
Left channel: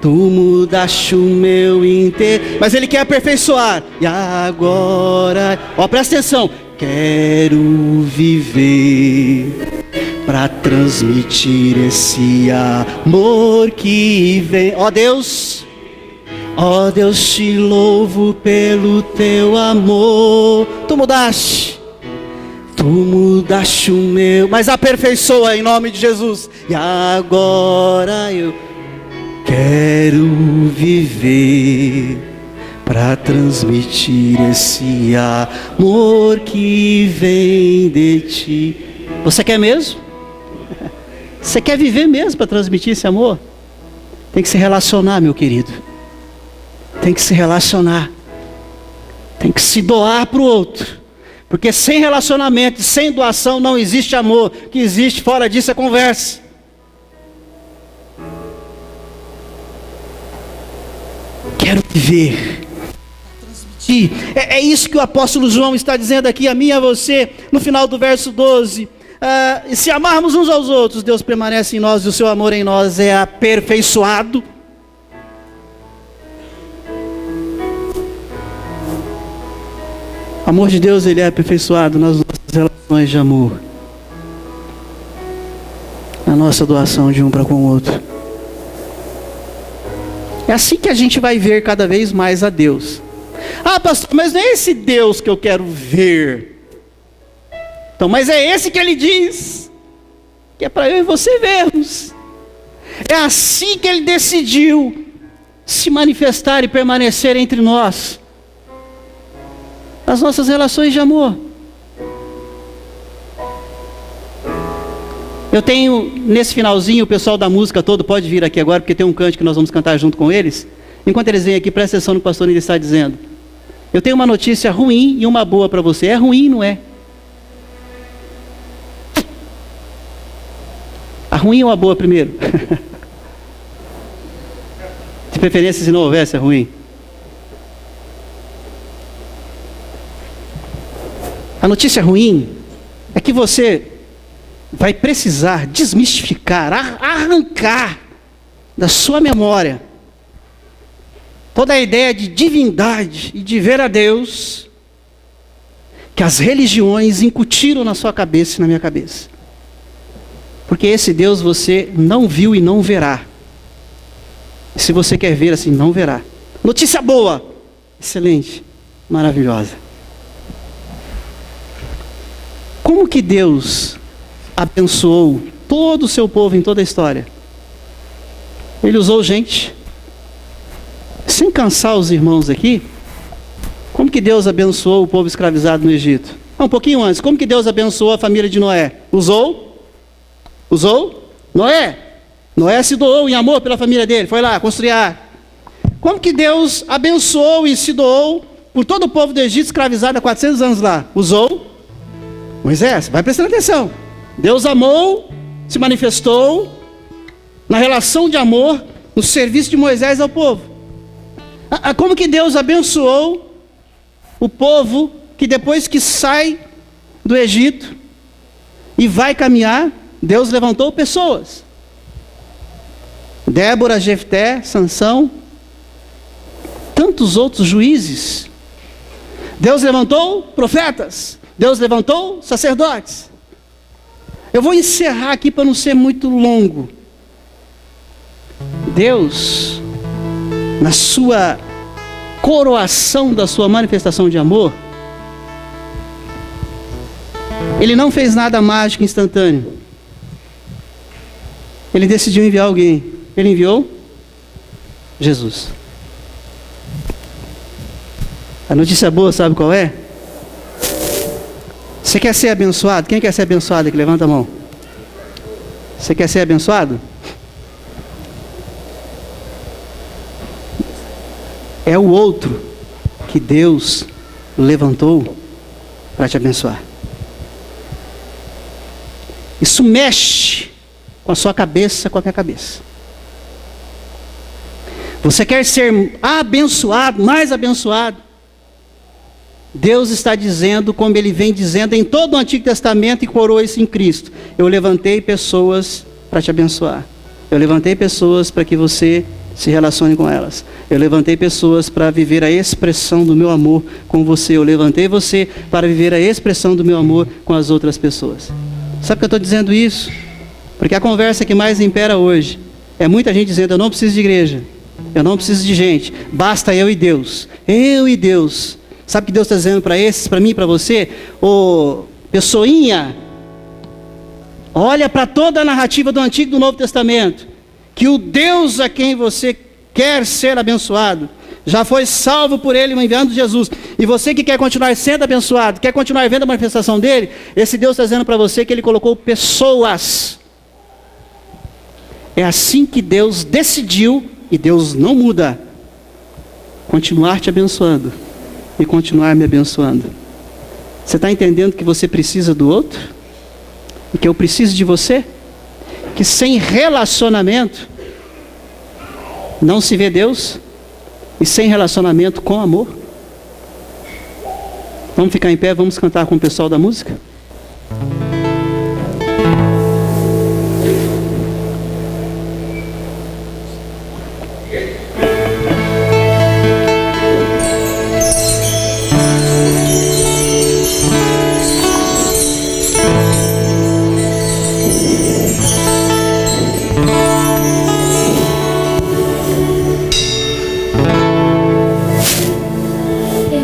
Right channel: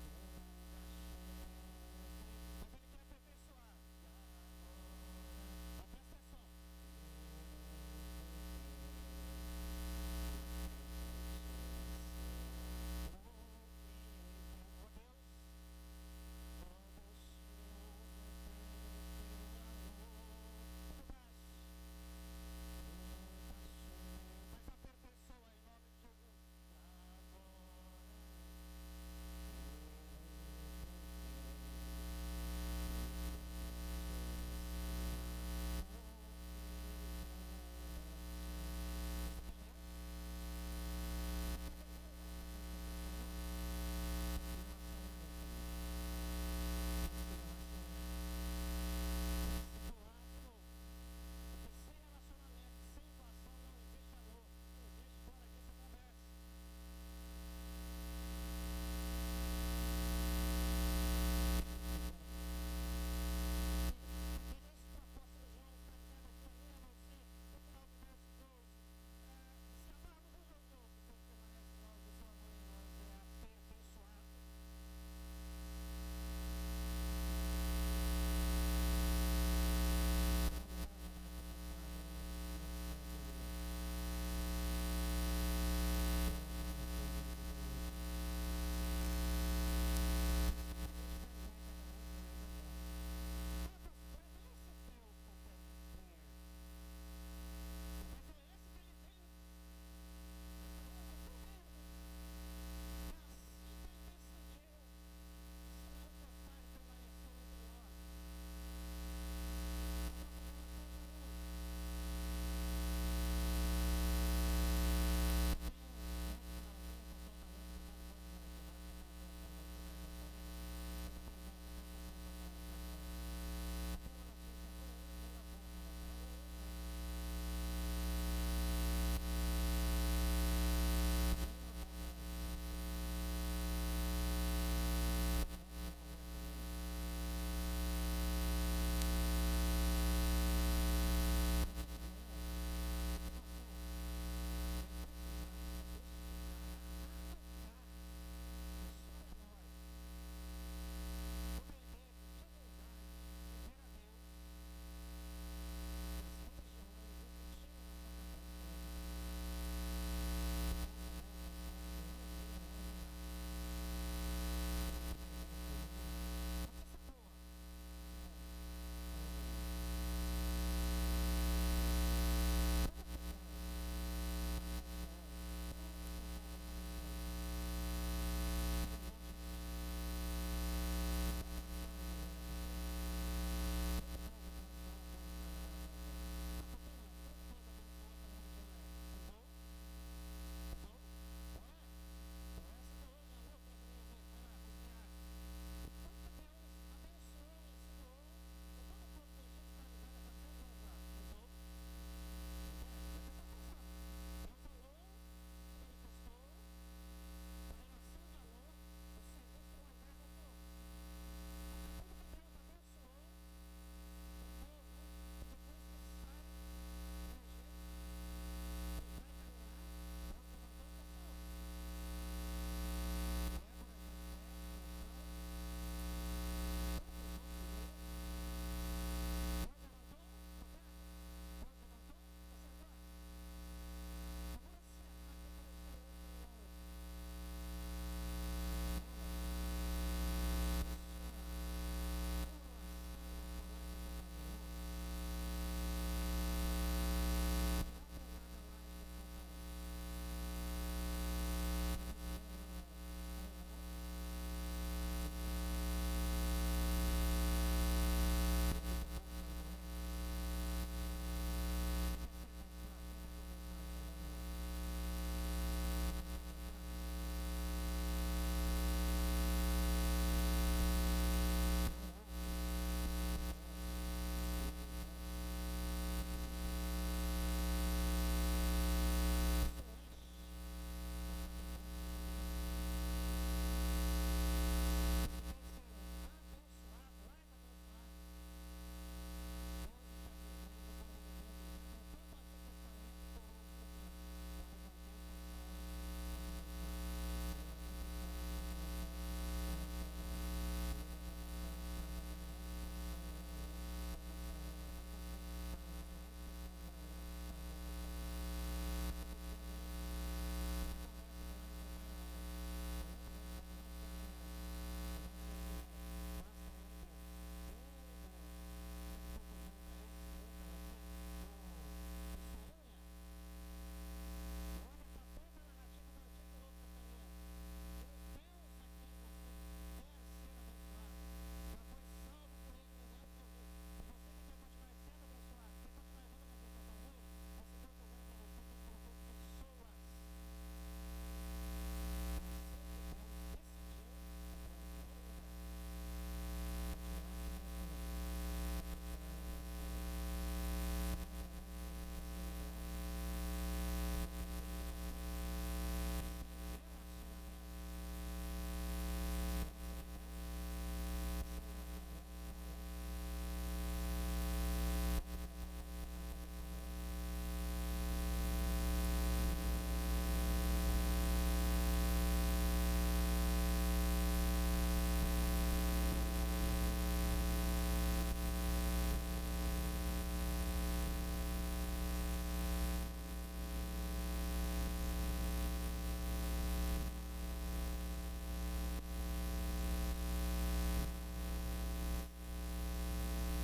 Tu mudaste o meu inteiro. Mas ele quer aperfeiçoar. E agora, ó, presta atenção. Quero viver para transmitir esse amor que vem. Ó Deus, te louvo pelo teu amor. Tu mudaste o meu, mas aperfeiçoa em nome de Jesus. E agora eu quero viver para transmitir esse amor que vem de ti. Você quer mesmo? Você quer viver mesmo para transmitir esse amor? Tem que se relacionar, meu querido. Tem que se relacionar. Tem que se doar para o outro. Porque sem relacionamento, sem doação não existe amor. O que existe fora disso é conversa. Quero viver. Transmitir. É isso que o apóstolo João está dizendo aqui a mim e a você. No final do verso 12. E se amarmos uns aos outros, Deus permanece em nós e o seu amor em nós é aperfeiçoado. O amor de Deus, ele é aperfeiçoado nas nossas relações de amor. Na nossa doação de um para com o outro. É assim que a gente vai ver cada vez mais a Deus. Ah, pastor, mas não é esse Deus que eu quero ver. Então, mas é esse que ele diz. Que é para eu e você vermos. É assim que ele decidiu se manifestar e permanecer entre nós. As nossas relações de amor. Eu tenho, nesse finalzinho, o pessoal da música todo pode vir aqui agora, porque tem um cântico que nós vamos cantar junto com eles. Enquanto eles vêm aqui, presta atenção no que o pastor ainda está dizendo. Eu tenho uma notícia ruim e uma boa para você. É ruim, não é? A ruim ou a boa primeiro? De preferência, se não houvesse a ruim. A notícia ruim é que você vai precisar desmistificar, arrancar da sua memória toda a ideia de divindade e de ver a Deus que as religiões incutiram na sua cabeça e na minha cabeça. Porque esse Deus você não viu e não verá. E se você quer ver assim, não verá. Notícia boa, excelente, maravilhosa. Como que Deus abençoou todo o seu povo em toda a história? Ele usou gente. Sem cansar os irmãos aqui, como que Deus abençoou o povo escravizado no Egito? Um pouquinho antes, como que Deus abençoou a família de Noé? Usou Noé. Noé se doou em amor pela família dele, foi lá construir a arca. Como que Deus abençoou e se doou por todo o povo do Egito escravizado há 400 anos lá? Usou Moisés. Vai prestando atenção. Deus amou, se manifestou na relação de amor, no serviço de Moisés ao povo. Como que Deus abençoou o povo que depois que sai do Egito e vai caminhar, Deus levantou pessoas. Débora, Jefté, Sansão, tantos outros juízes. Deus levantou profetas. Deus levantou sacerdotes. Eu vou encerrar aqui para não ser muito longo. Deus, na sua coroação da sua manifestação de amor, Ele não fez nada mágico instantâneo. Ele decidiu enviar alguém. Ele enviou Jesus. A notícia boa, sabe qual é? Você quer ser abençoado? Quem quer ser abençoado aqui? Levanta a mão. Você quer ser abençoado? É o outro que Deus levantou para te abençoar. Isso mexe com a sua cabeça, com a minha cabeça. Você quer ser abençoado, mais abençoado? Deus está dizendo, como Ele vem dizendo em todo o Antigo Testamento e coroou isso em Cristo: eu levantei pessoas para te abençoar. Eu levantei pessoas para que você se relacione com elas. Eu levantei pessoas para viver a expressão do meu amor com você. Eu levantei você para viver a expressão do meu amor com as outras pessoas. Sabe por que eu estou dizendo isso? Porque a conversa que mais impera hoje é muita gente dizendo: eu não preciso de igreja, eu não preciso de gente, basta eu e Deus. Eu e Deus. Sabe o que Deus está dizendo para esses, para mim e para você? Ô, pessoinha, olha para toda a narrativa do Antigo e do Novo Testamento, que o Deus a quem você quer ser abençoado já foi salvo por Ele, enviando Jesus. E você que quer continuar sendo abençoado, quer continuar vendo a manifestação dEle, esse Deus está dizendo para você que Ele colocou pessoas. É assim que Deus decidiu, e Deus não muda, continuar te abençoando e continuar me abençoando. Você está entendendo que você precisa do outro? E que eu preciso de você? Que sem relacionamento não se vê Deus, e sem relacionamento com amor? Vamos ficar em pé, vamos cantar com o pessoal da música?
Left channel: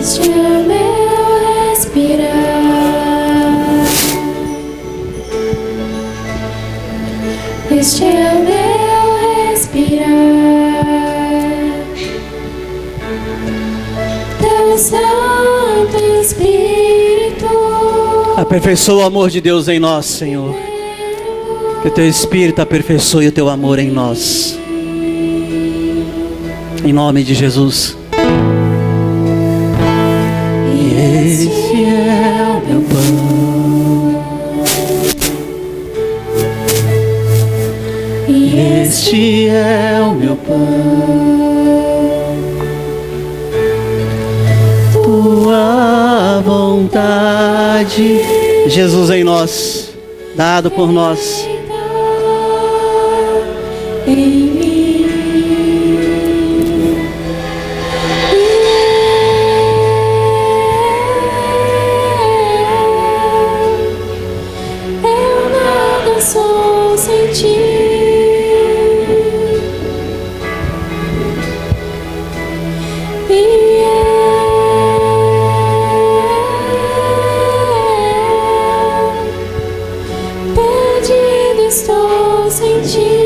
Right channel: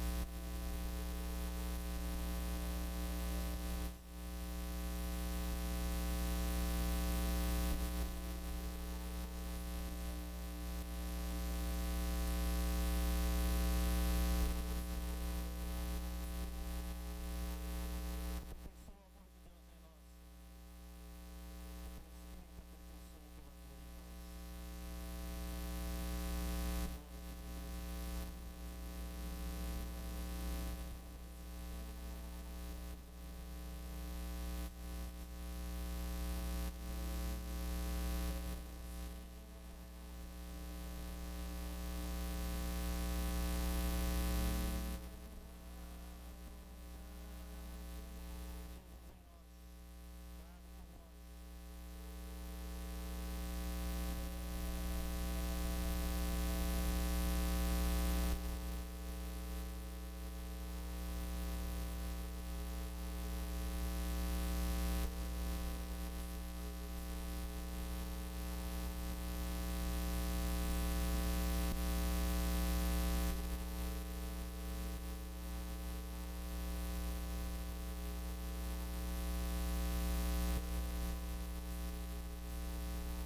Este é meu respirar, este é meu respirar. Teu Santo Espírito Aperfeiçoa o amor de Deus em nós, Senhor. Que o Teu Espírito aperfeiçoe o Teu amor em nós. Em nome de Jesus. Esse é o meu pão, e este é o meu pão, tua vontade, Jesus em nós, dado por nós. em mim. Eu nada sou sem ti. Perdido estou sem ti.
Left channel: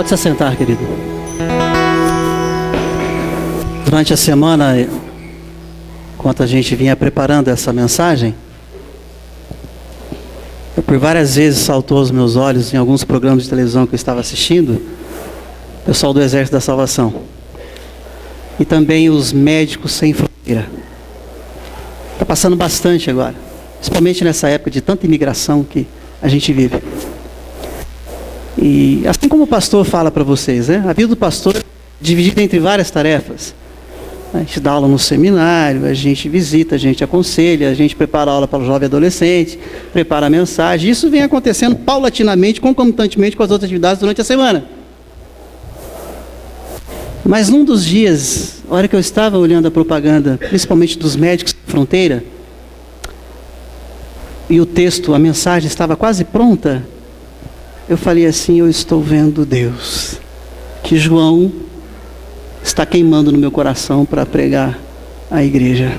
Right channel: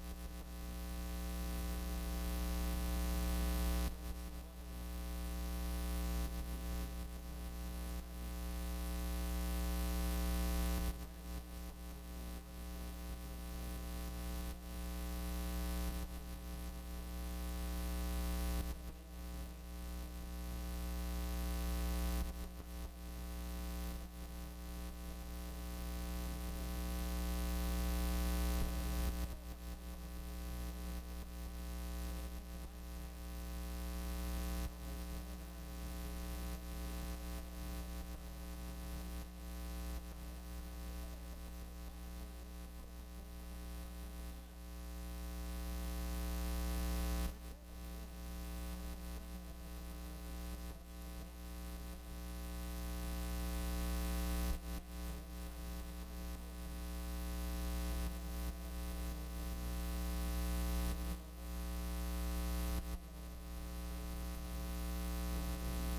Pode se assentar, querido. Durante a semana, enquanto a gente vinha preparando essa mensagem, por várias vezes saltou aos meus olhos em alguns programas de televisão que eu estava assistindo, o pessoal do Exército da Salvação e também os Médicos Sem Fronteira. Está passando bastante agora, principalmente nessa época de tanta imigração que a gente vive. E assim como o pastor fala para vocês, né? A vida do pastor é dividida entre várias tarefas. A gente dá aula no seminário, a gente visita, a gente aconselha, a gente prepara a aula para o jovem adolescente, prepara a mensagem. Isso vem acontecendo paulatinamente, concomitantemente com as outras atividades durante a semana. Mas num dos dias, a hora que eu estava olhando a propaganda, principalmente dos Médicos Sem Fronteira, e o texto, a mensagem estava quase pronta, eu falei assim: eu estou vendo Deus, que João está queimando no meu coração para pregar à igreja.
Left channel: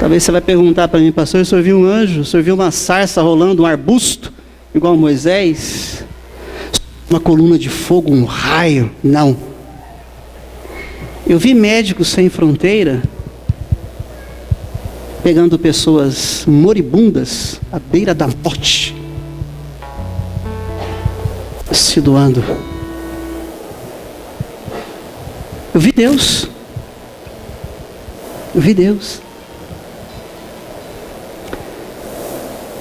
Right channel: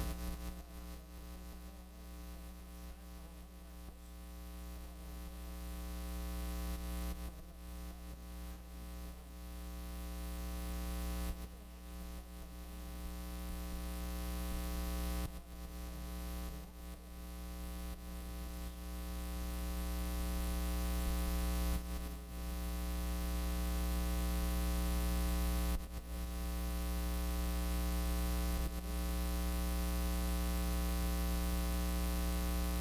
Talvez você vai perguntar para mim: pastor, o senhor viu um anjo? O senhor viu uma sarça rolando, um arbusto, igual Moisés? Uma coluna de fogo, um raio? Não. Eu vi Médicos Sem Fronteira pegando pessoas moribundas à beira da morte, se doando. Eu vi Deus. Eu vi Deus.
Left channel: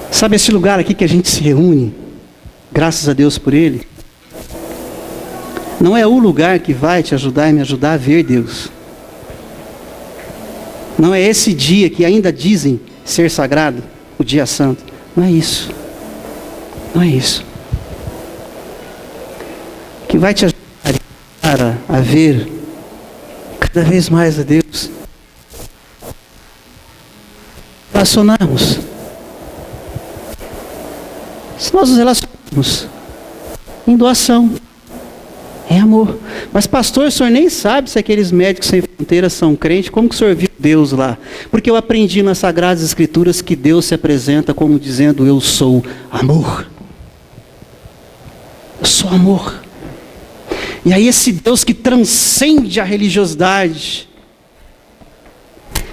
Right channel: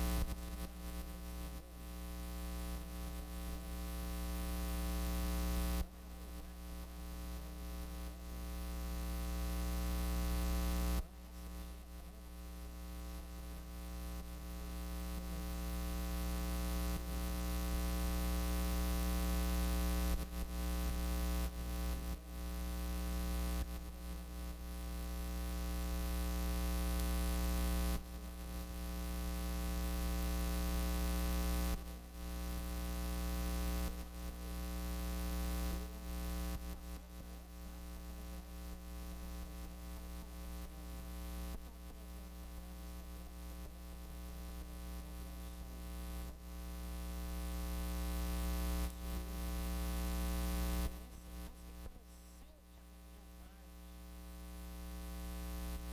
Sabe esse lugar aqui que a gente se reúne, graças a Deus por ele? Não é o lugar que vai te ajudar e me ajudar a ver Deus. Não é esse dia que ainda dizem ser sagrado, o dia santo. Não é isso. Não é isso. O que vai te ajudar a ver cada vez mais a Deus, relacionarmos. Se nós nos relacionarmos em doação, em amor. Mas pastor, o senhor nem sabe se aqueles Médicos Sem Fronteiras são crentes. Como que o senhor viu Deus lá? Porque eu aprendi nas Sagradas Escrituras que Deus se apresenta como dizendo: eu sou amor. Eu sou amor. E aí esse Deus que transcende a religiosidade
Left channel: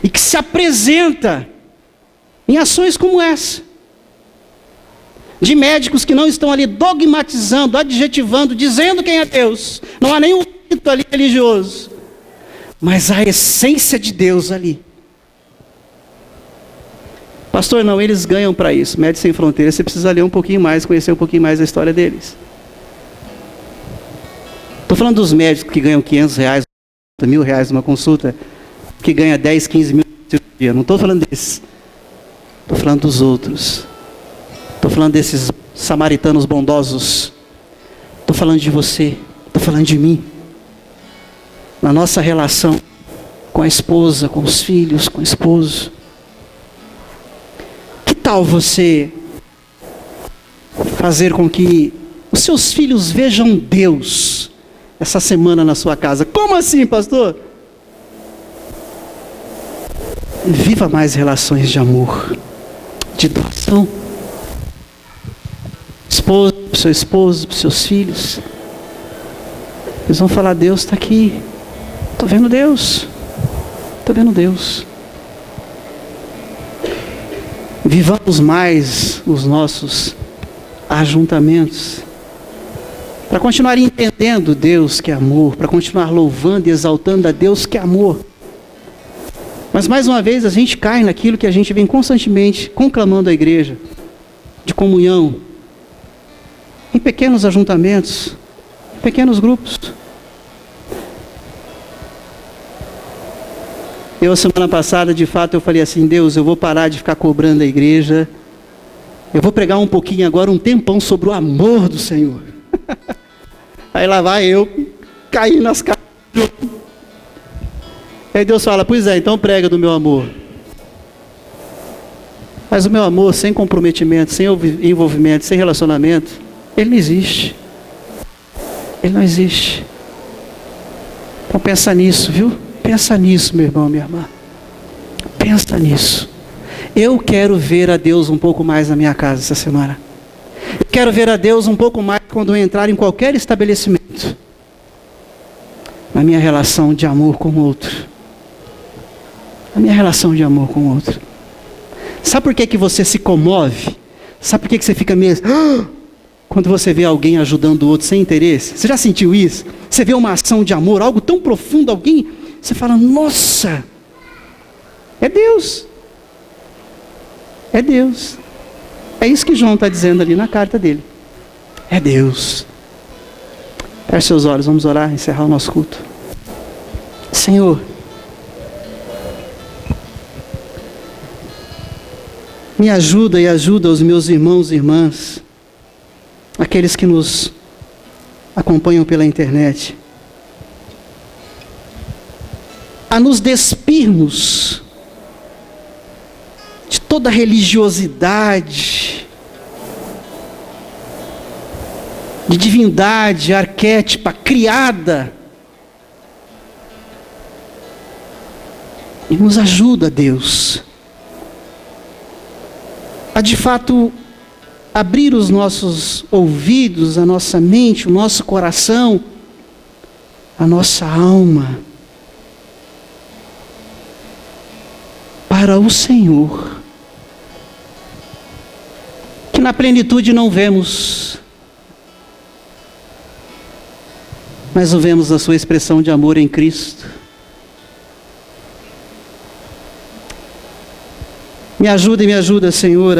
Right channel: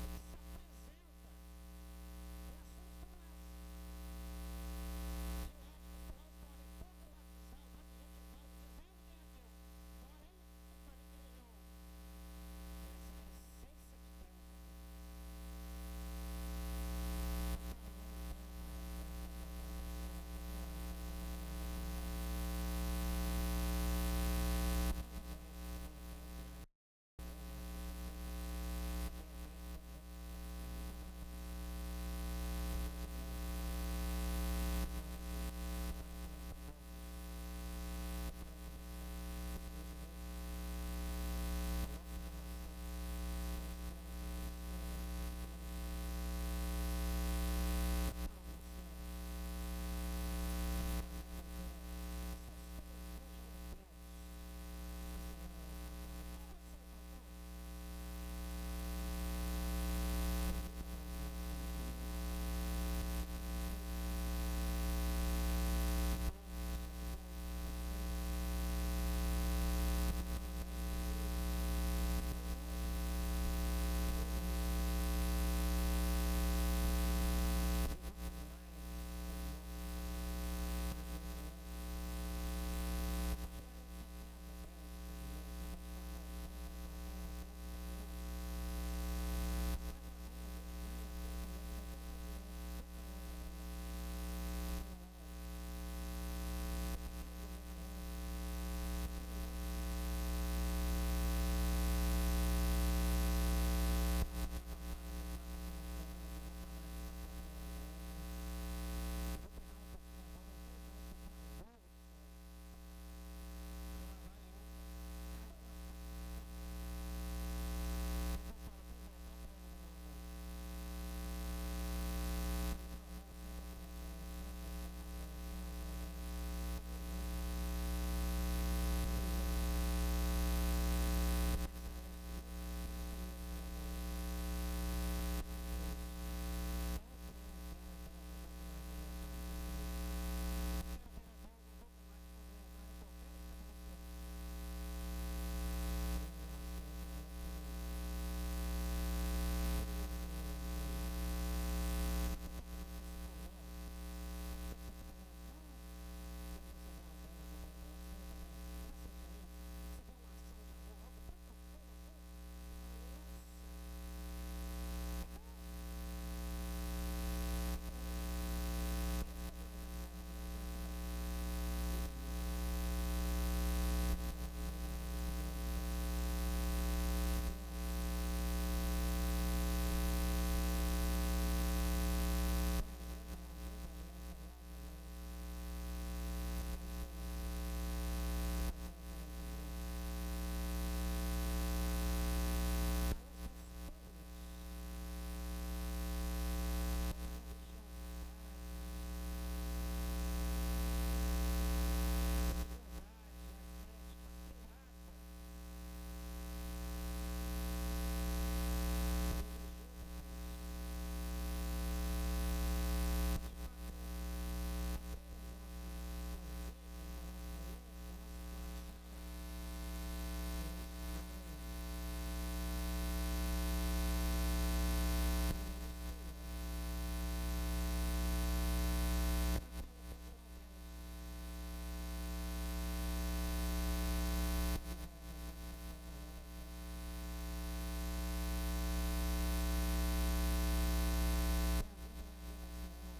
e que se apresenta em ações como essa, de médicos que não estão ali dogmatizando, adjetivando, dizendo quem é Deus. Não há nenhum rito ali religioso, mas a essência de Deus ali. Pastor, não, eles ganham para isso. Médicos Sem Fronteiras, você precisa ler um pouquinho mais, conhecer um pouquinho mais a história deles. Estou falando dos médicos que ganham R$500, R$1.000 numa consulta, que ganha 10, 15 mil por dia. Não estou falando desses. Estou falando dos outros. Estou falando desses samaritanos bondosos. Estou falando de você. Estou falando de mim. Na nossa relação com a esposa, com os filhos, com o esposo. Que tal você fazer com que os seus filhos vejam Deus essa semana na sua casa? Como assim, pastor? Viva mais relações de amor, de doação. Esposa, para o seu esposo, para os seus filhos. Eles vão falar: Deus está aqui. Estou vendo Deus. Estou vendo Deus. Vivamos mais os nossos ajuntamentos, para continuar entendendo Deus que é amor, para continuar louvando e exaltando a Deus que é amor. Mas mais uma vez a gente cai naquilo que a gente vem constantemente conclamando à igreja, de comunhão, em pequenos ajuntamentos, pequenos grupos. Eu, semana passada, de fato, eu falei assim: Deus, eu vou parar de ficar cobrando a igreja, eu vou pregar um pouquinho agora, um tempão, sobre o amor do Senhor. Aí lá vai eu, cair nas caras. Aí Deus fala: pois é, então prega do meu amor. Mas o meu amor sem comprometimento, sem envolvimento, sem relacionamento, ele não existe. Ele não existe. Então pensa nisso, viu? Pensa nisso, meu irmão, minha irmã. Pensa nisso. Eu quero ver a Deus um pouco mais na minha casa essa semana. Eu quero ver a Deus um pouco mais quando eu entrar em qualquer estabelecimento, na minha relação de amor com o outro. A minha relação de amor com o outro. Sabe por que você se comove? Sabe por que você fica mesmo... Quando você vê alguém ajudando o outro sem interesse? Você já sentiu isso? Você vê uma ação de amor, algo tão profundo, alguém... Você fala, nossa, é Deus. É Deus. É isso que João está dizendo ali na carta dele. É Deus. Feche seus olhos, vamos orar, encerrar o nosso culto. Senhor, me ajuda e ajuda os meus irmãos e irmãs, aqueles que nos acompanham pela internet, a nos despirmos de toda religiosidade, de divindade arquétipa criada, e nos ajuda, Deus, a de fato abrir os nossos ouvidos, a nossa mente, o nosso coração, a nossa alma para o Senhor, que na plenitude não vemos, mas o vemos na sua expressão de amor em Cristo. Me ajuda, Senhor,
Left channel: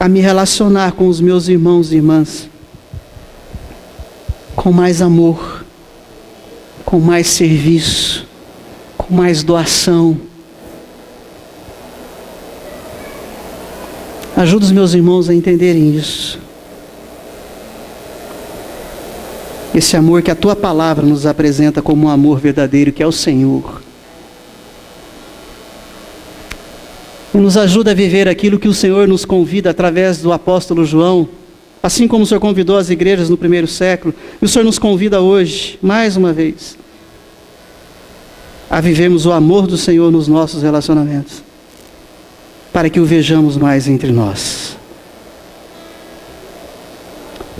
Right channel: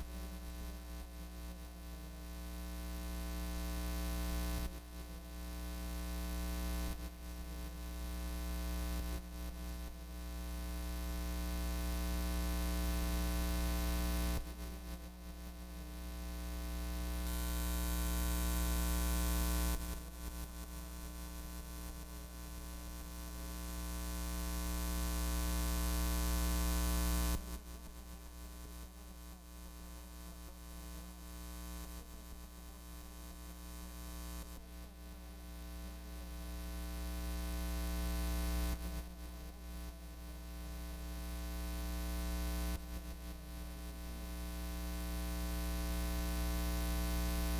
a me relacionar com os meus irmãos e irmãs com mais amor, com mais serviço, com mais doação. Ajuda os meus irmãos a entenderem isso. Esse amor que a Tua palavra nos apresenta como um amor verdadeiro, que é o Senhor. E nos ajuda a viver aquilo que o Senhor nos convida através do apóstolo João, assim como o Senhor convidou as igrejas no primeiro século, e o Senhor nos convida hoje, mais uma vez, a vivermos o amor do Senhor nos nossos relacionamentos, para que o vejamos mais entre nós.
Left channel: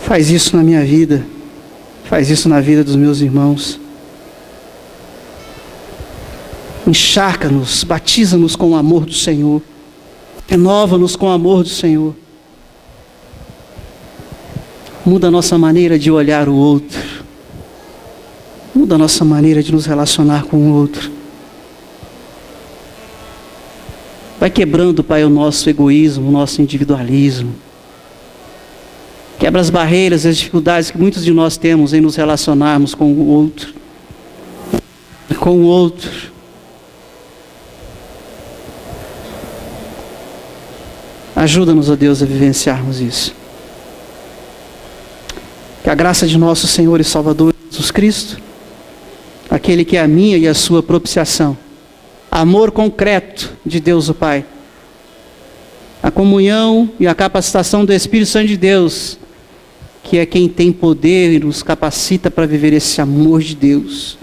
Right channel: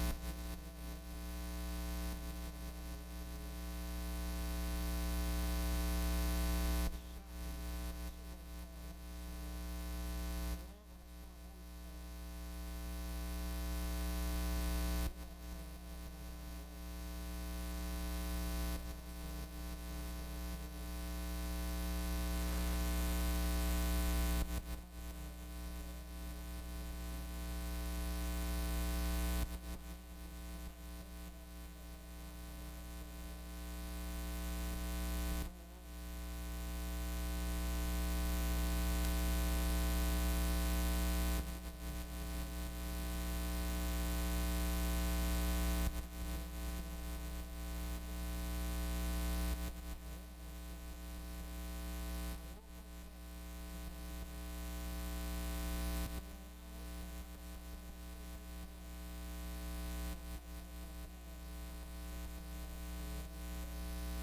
Faz isso na minha vida, faz isso na vida dos meus irmãos. Encharca-nos, batiza-nos com o amor do Senhor, renova-nos com o amor do Senhor. Muda a nossa maneira de olhar o outro, muda a nossa maneira de nos relacionar com o outro. Vai quebrando, Pai, o nosso egoísmo, o nosso individualismo. Quebra as barreiras e as dificuldades que muitos de nós temos em nos relacionarmos com o outro. Com o outro. Ajuda-nos, ó Deus, a vivenciarmos isso. Que a graça de nosso Senhor e Salvador Jesus Cristo, aquele que é a minha e a sua propiciação, amor concreto de Deus o Pai, a comunhão e a capacitação do Espírito Santo de Deus, que é quem tem poder e nos capacita para viver esse amor de Deus.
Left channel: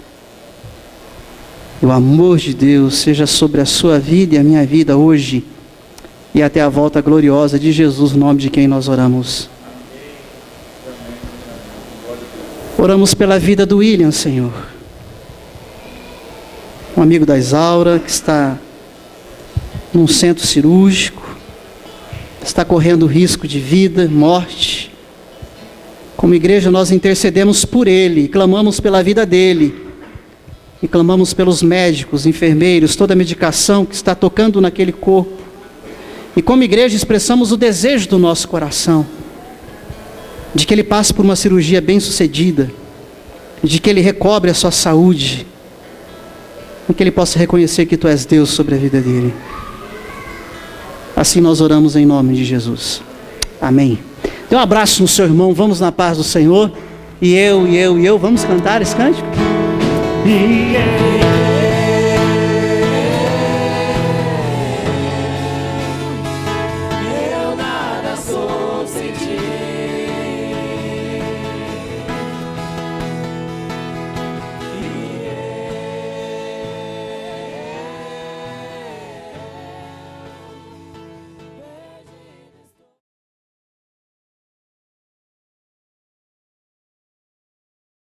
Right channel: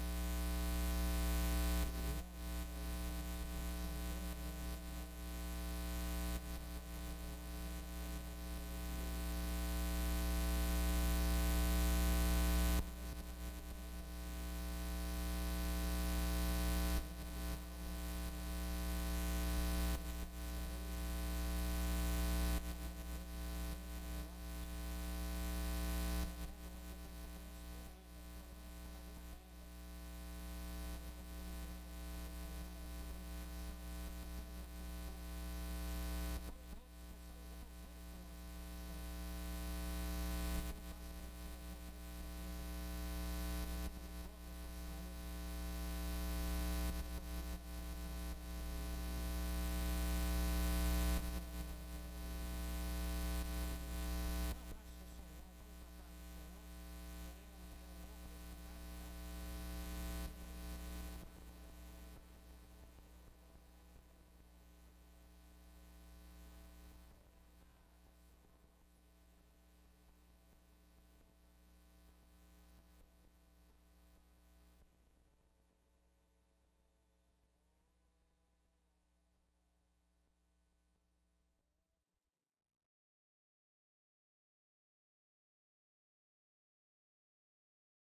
E o amor de Deus seja sobre a sua vida e a minha vida hoje, e até a volta gloriosa de Jesus, no nome de quem nós oramos. Oramos pela vida do William, Senhor. Um amigo da Isaura, que está num centro cirúrgico, está correndo risco de vida, morte. Como igreja, nós intercedemos por ele, clamamos pela vida dele, e clamamos pelos médicos, enfermeiros, toda a medicação que está tocando naquele corpo. E como igreja expressamos o desejo do nosso coração, de que ele passe por uma cirurgia bem-sucedida, de que ele recobre a sua saúde, e que ele possa reconhecer que Tu és Deus sobre a vida dele. Assim nós oramos em nome de Jesus. Amém. Dê um abraço no seu irmão, vamos na paz do Senhor. E eu, vamos cantar esse cântico?